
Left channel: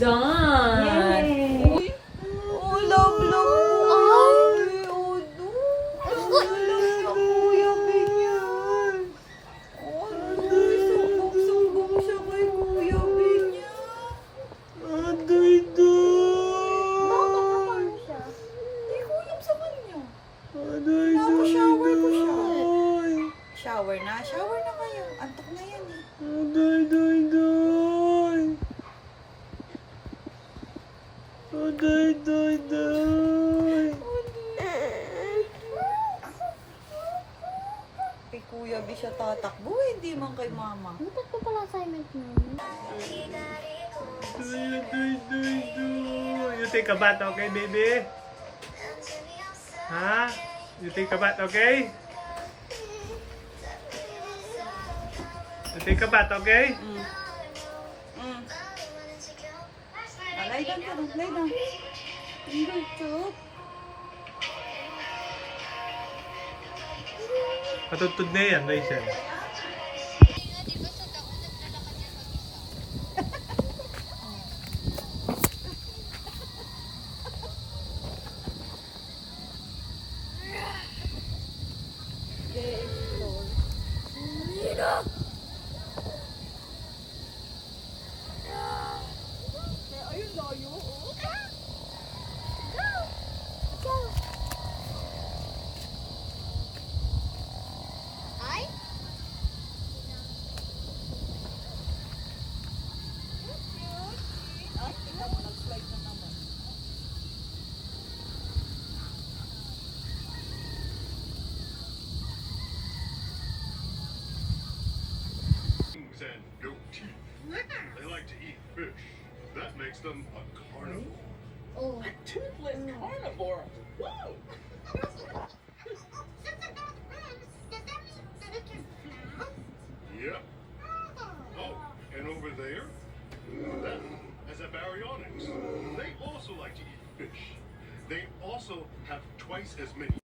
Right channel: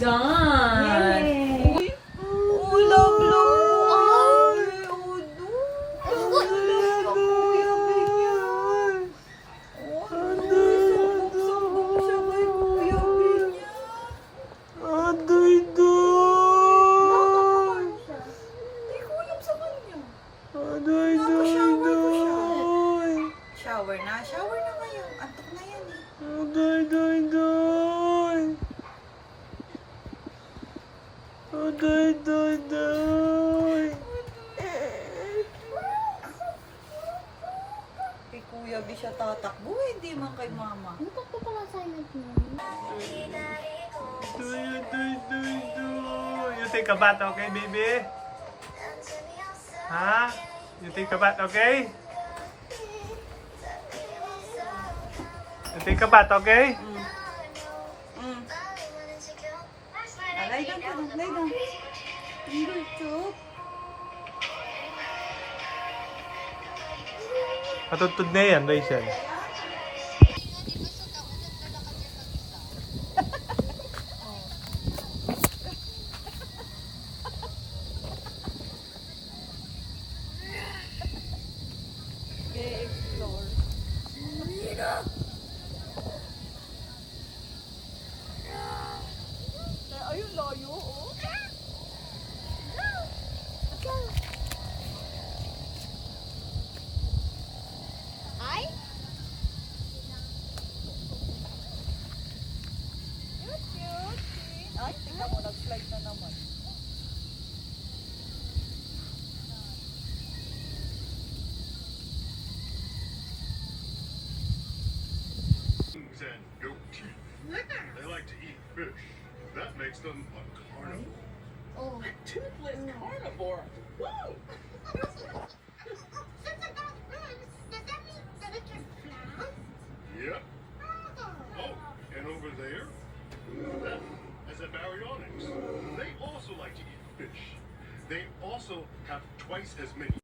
Done. Uy, love, love. Ay, Sumbong siya kay Kuya Binya. Adoy, doy! Hindi ko alam sa kanya. Adoy, doy, doy! Shower na ngayon. Antok na yan eh. Adoy, doy, doy! Adoy, doy, doy! Kay Kuya B siya tatakbo, hindi man kay Mama. Bakit ko pala silent mo? Doy, doy, doy, doy! You take a bath, okay, baby? Ha? You take a bath, okay? You take a bath, okay? Lay down ka doon, lay down. Hindi, chok. Patutod na yan, Rachel. Ayun, layo, oh. Ay, tingnan mo, nag-slide na naman. And goat teeth. They like to eat fish. That makes them a carnivore. Oh. Toothless carnivore. Whoa. Yep. Oh, and over there, that is a baryonyx. They also like to eat fish. They also have twice as many.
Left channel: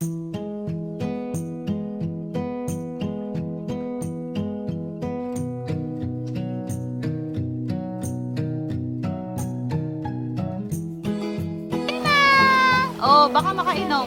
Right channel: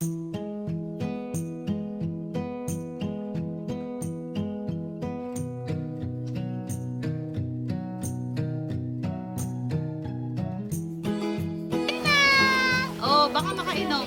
Oh, baka makainom.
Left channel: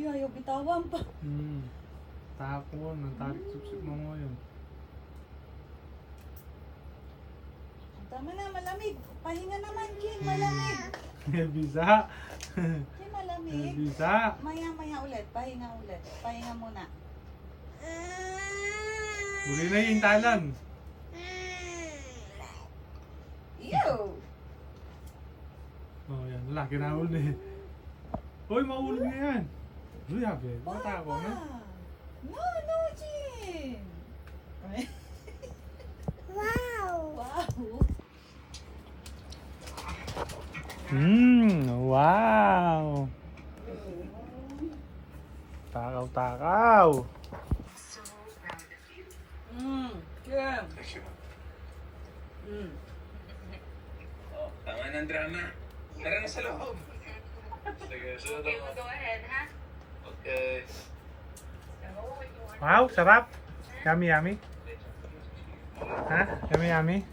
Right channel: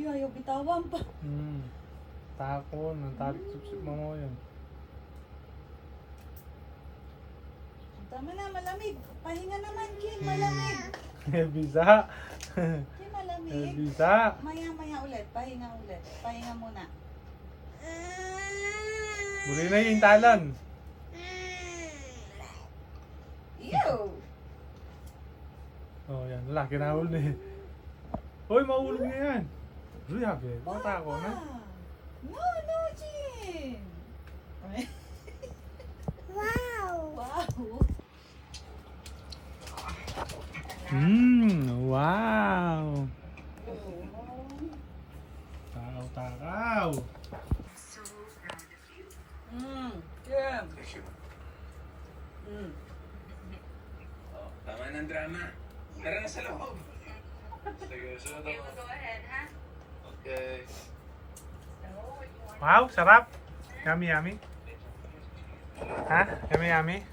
Uy, ayaw bitawan pa. Takon, nagtarik-sip mo yun. Tama na, malamig. Pahinga naman, Kim. Malamig. Bisa. Kim, malamig. Bisa. Maya ulit. Pahinga ulit. Pahinga muna. Huli na yung talan. Ew! Oh, yan. Laki na huli. Hoy, mahulog na yan. Uy, habi. Bata ako na. No, Jin! Wow! Wow! Wow. Takaw. Kim! Oh, tama ng drama. Tara na sa loob. Sige, sunod ako. Go ahead, ha? Okay. Wow, sarap. Yummy. Ha? Yummy.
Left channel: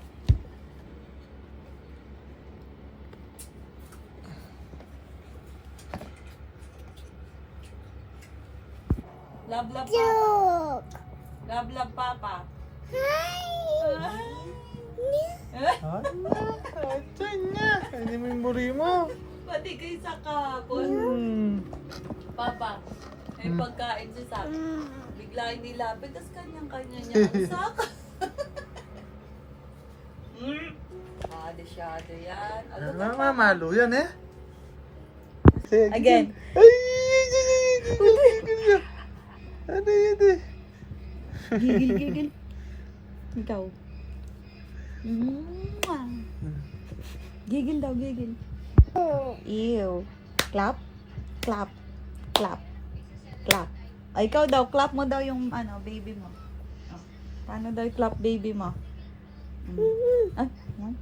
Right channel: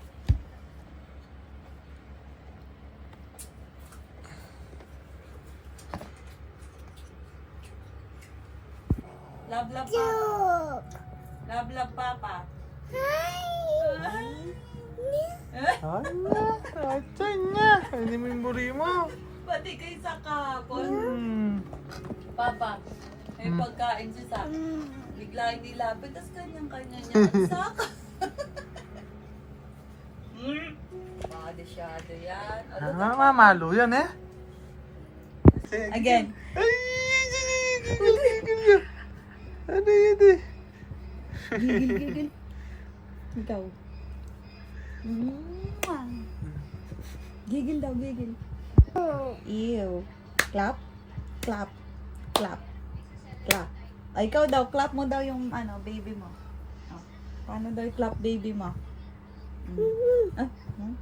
Love, Papa. Love, Papa. Ay, niya. Hindi mo yung buri mo. Pati kay Sakapon. Papa, may pagkain si Sak. Bigla inilapit, tas kanyang-kanya niya ang Sak. Masyado yan. Mamalo yan eh. Again. Ade. Gigil. Ikaw. Gigil daw, gigil. Ew. Clap. Ay, ikaw daw, clap mo daw yung baby mo. Oh. Paano daw i-clap baby mo? Ah, no?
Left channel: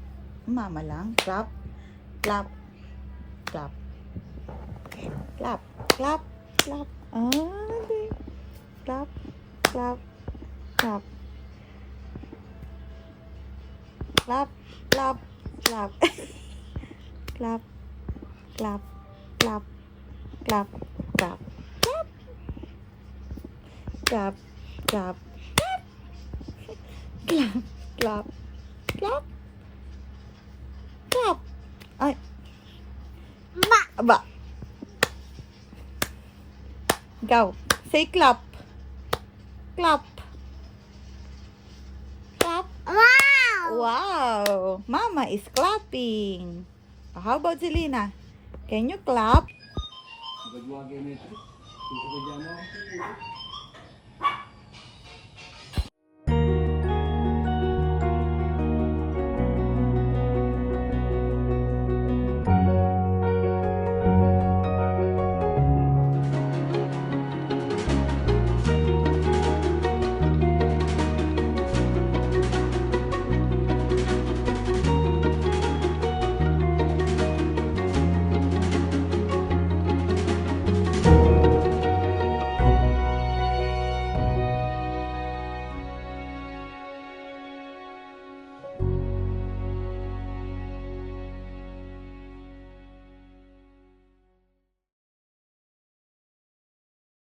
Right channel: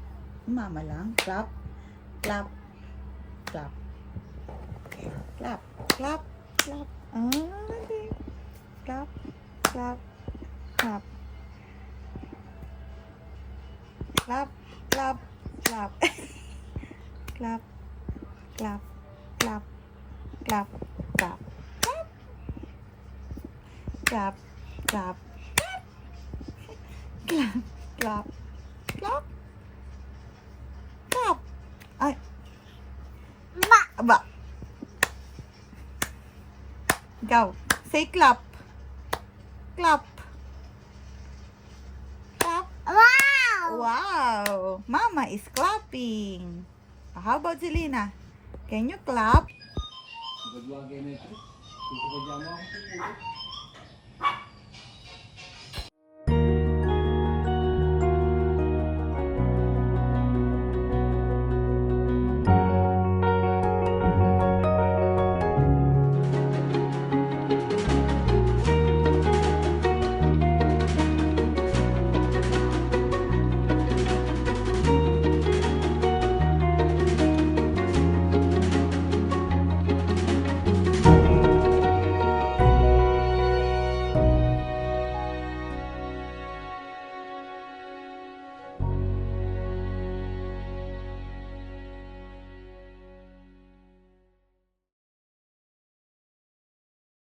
Mama lang. Clap. Ah, hindi. Clap. Ay. Ba. Go. Say clap. Wow. Mama is clapping. How about Zelina? Can you clap?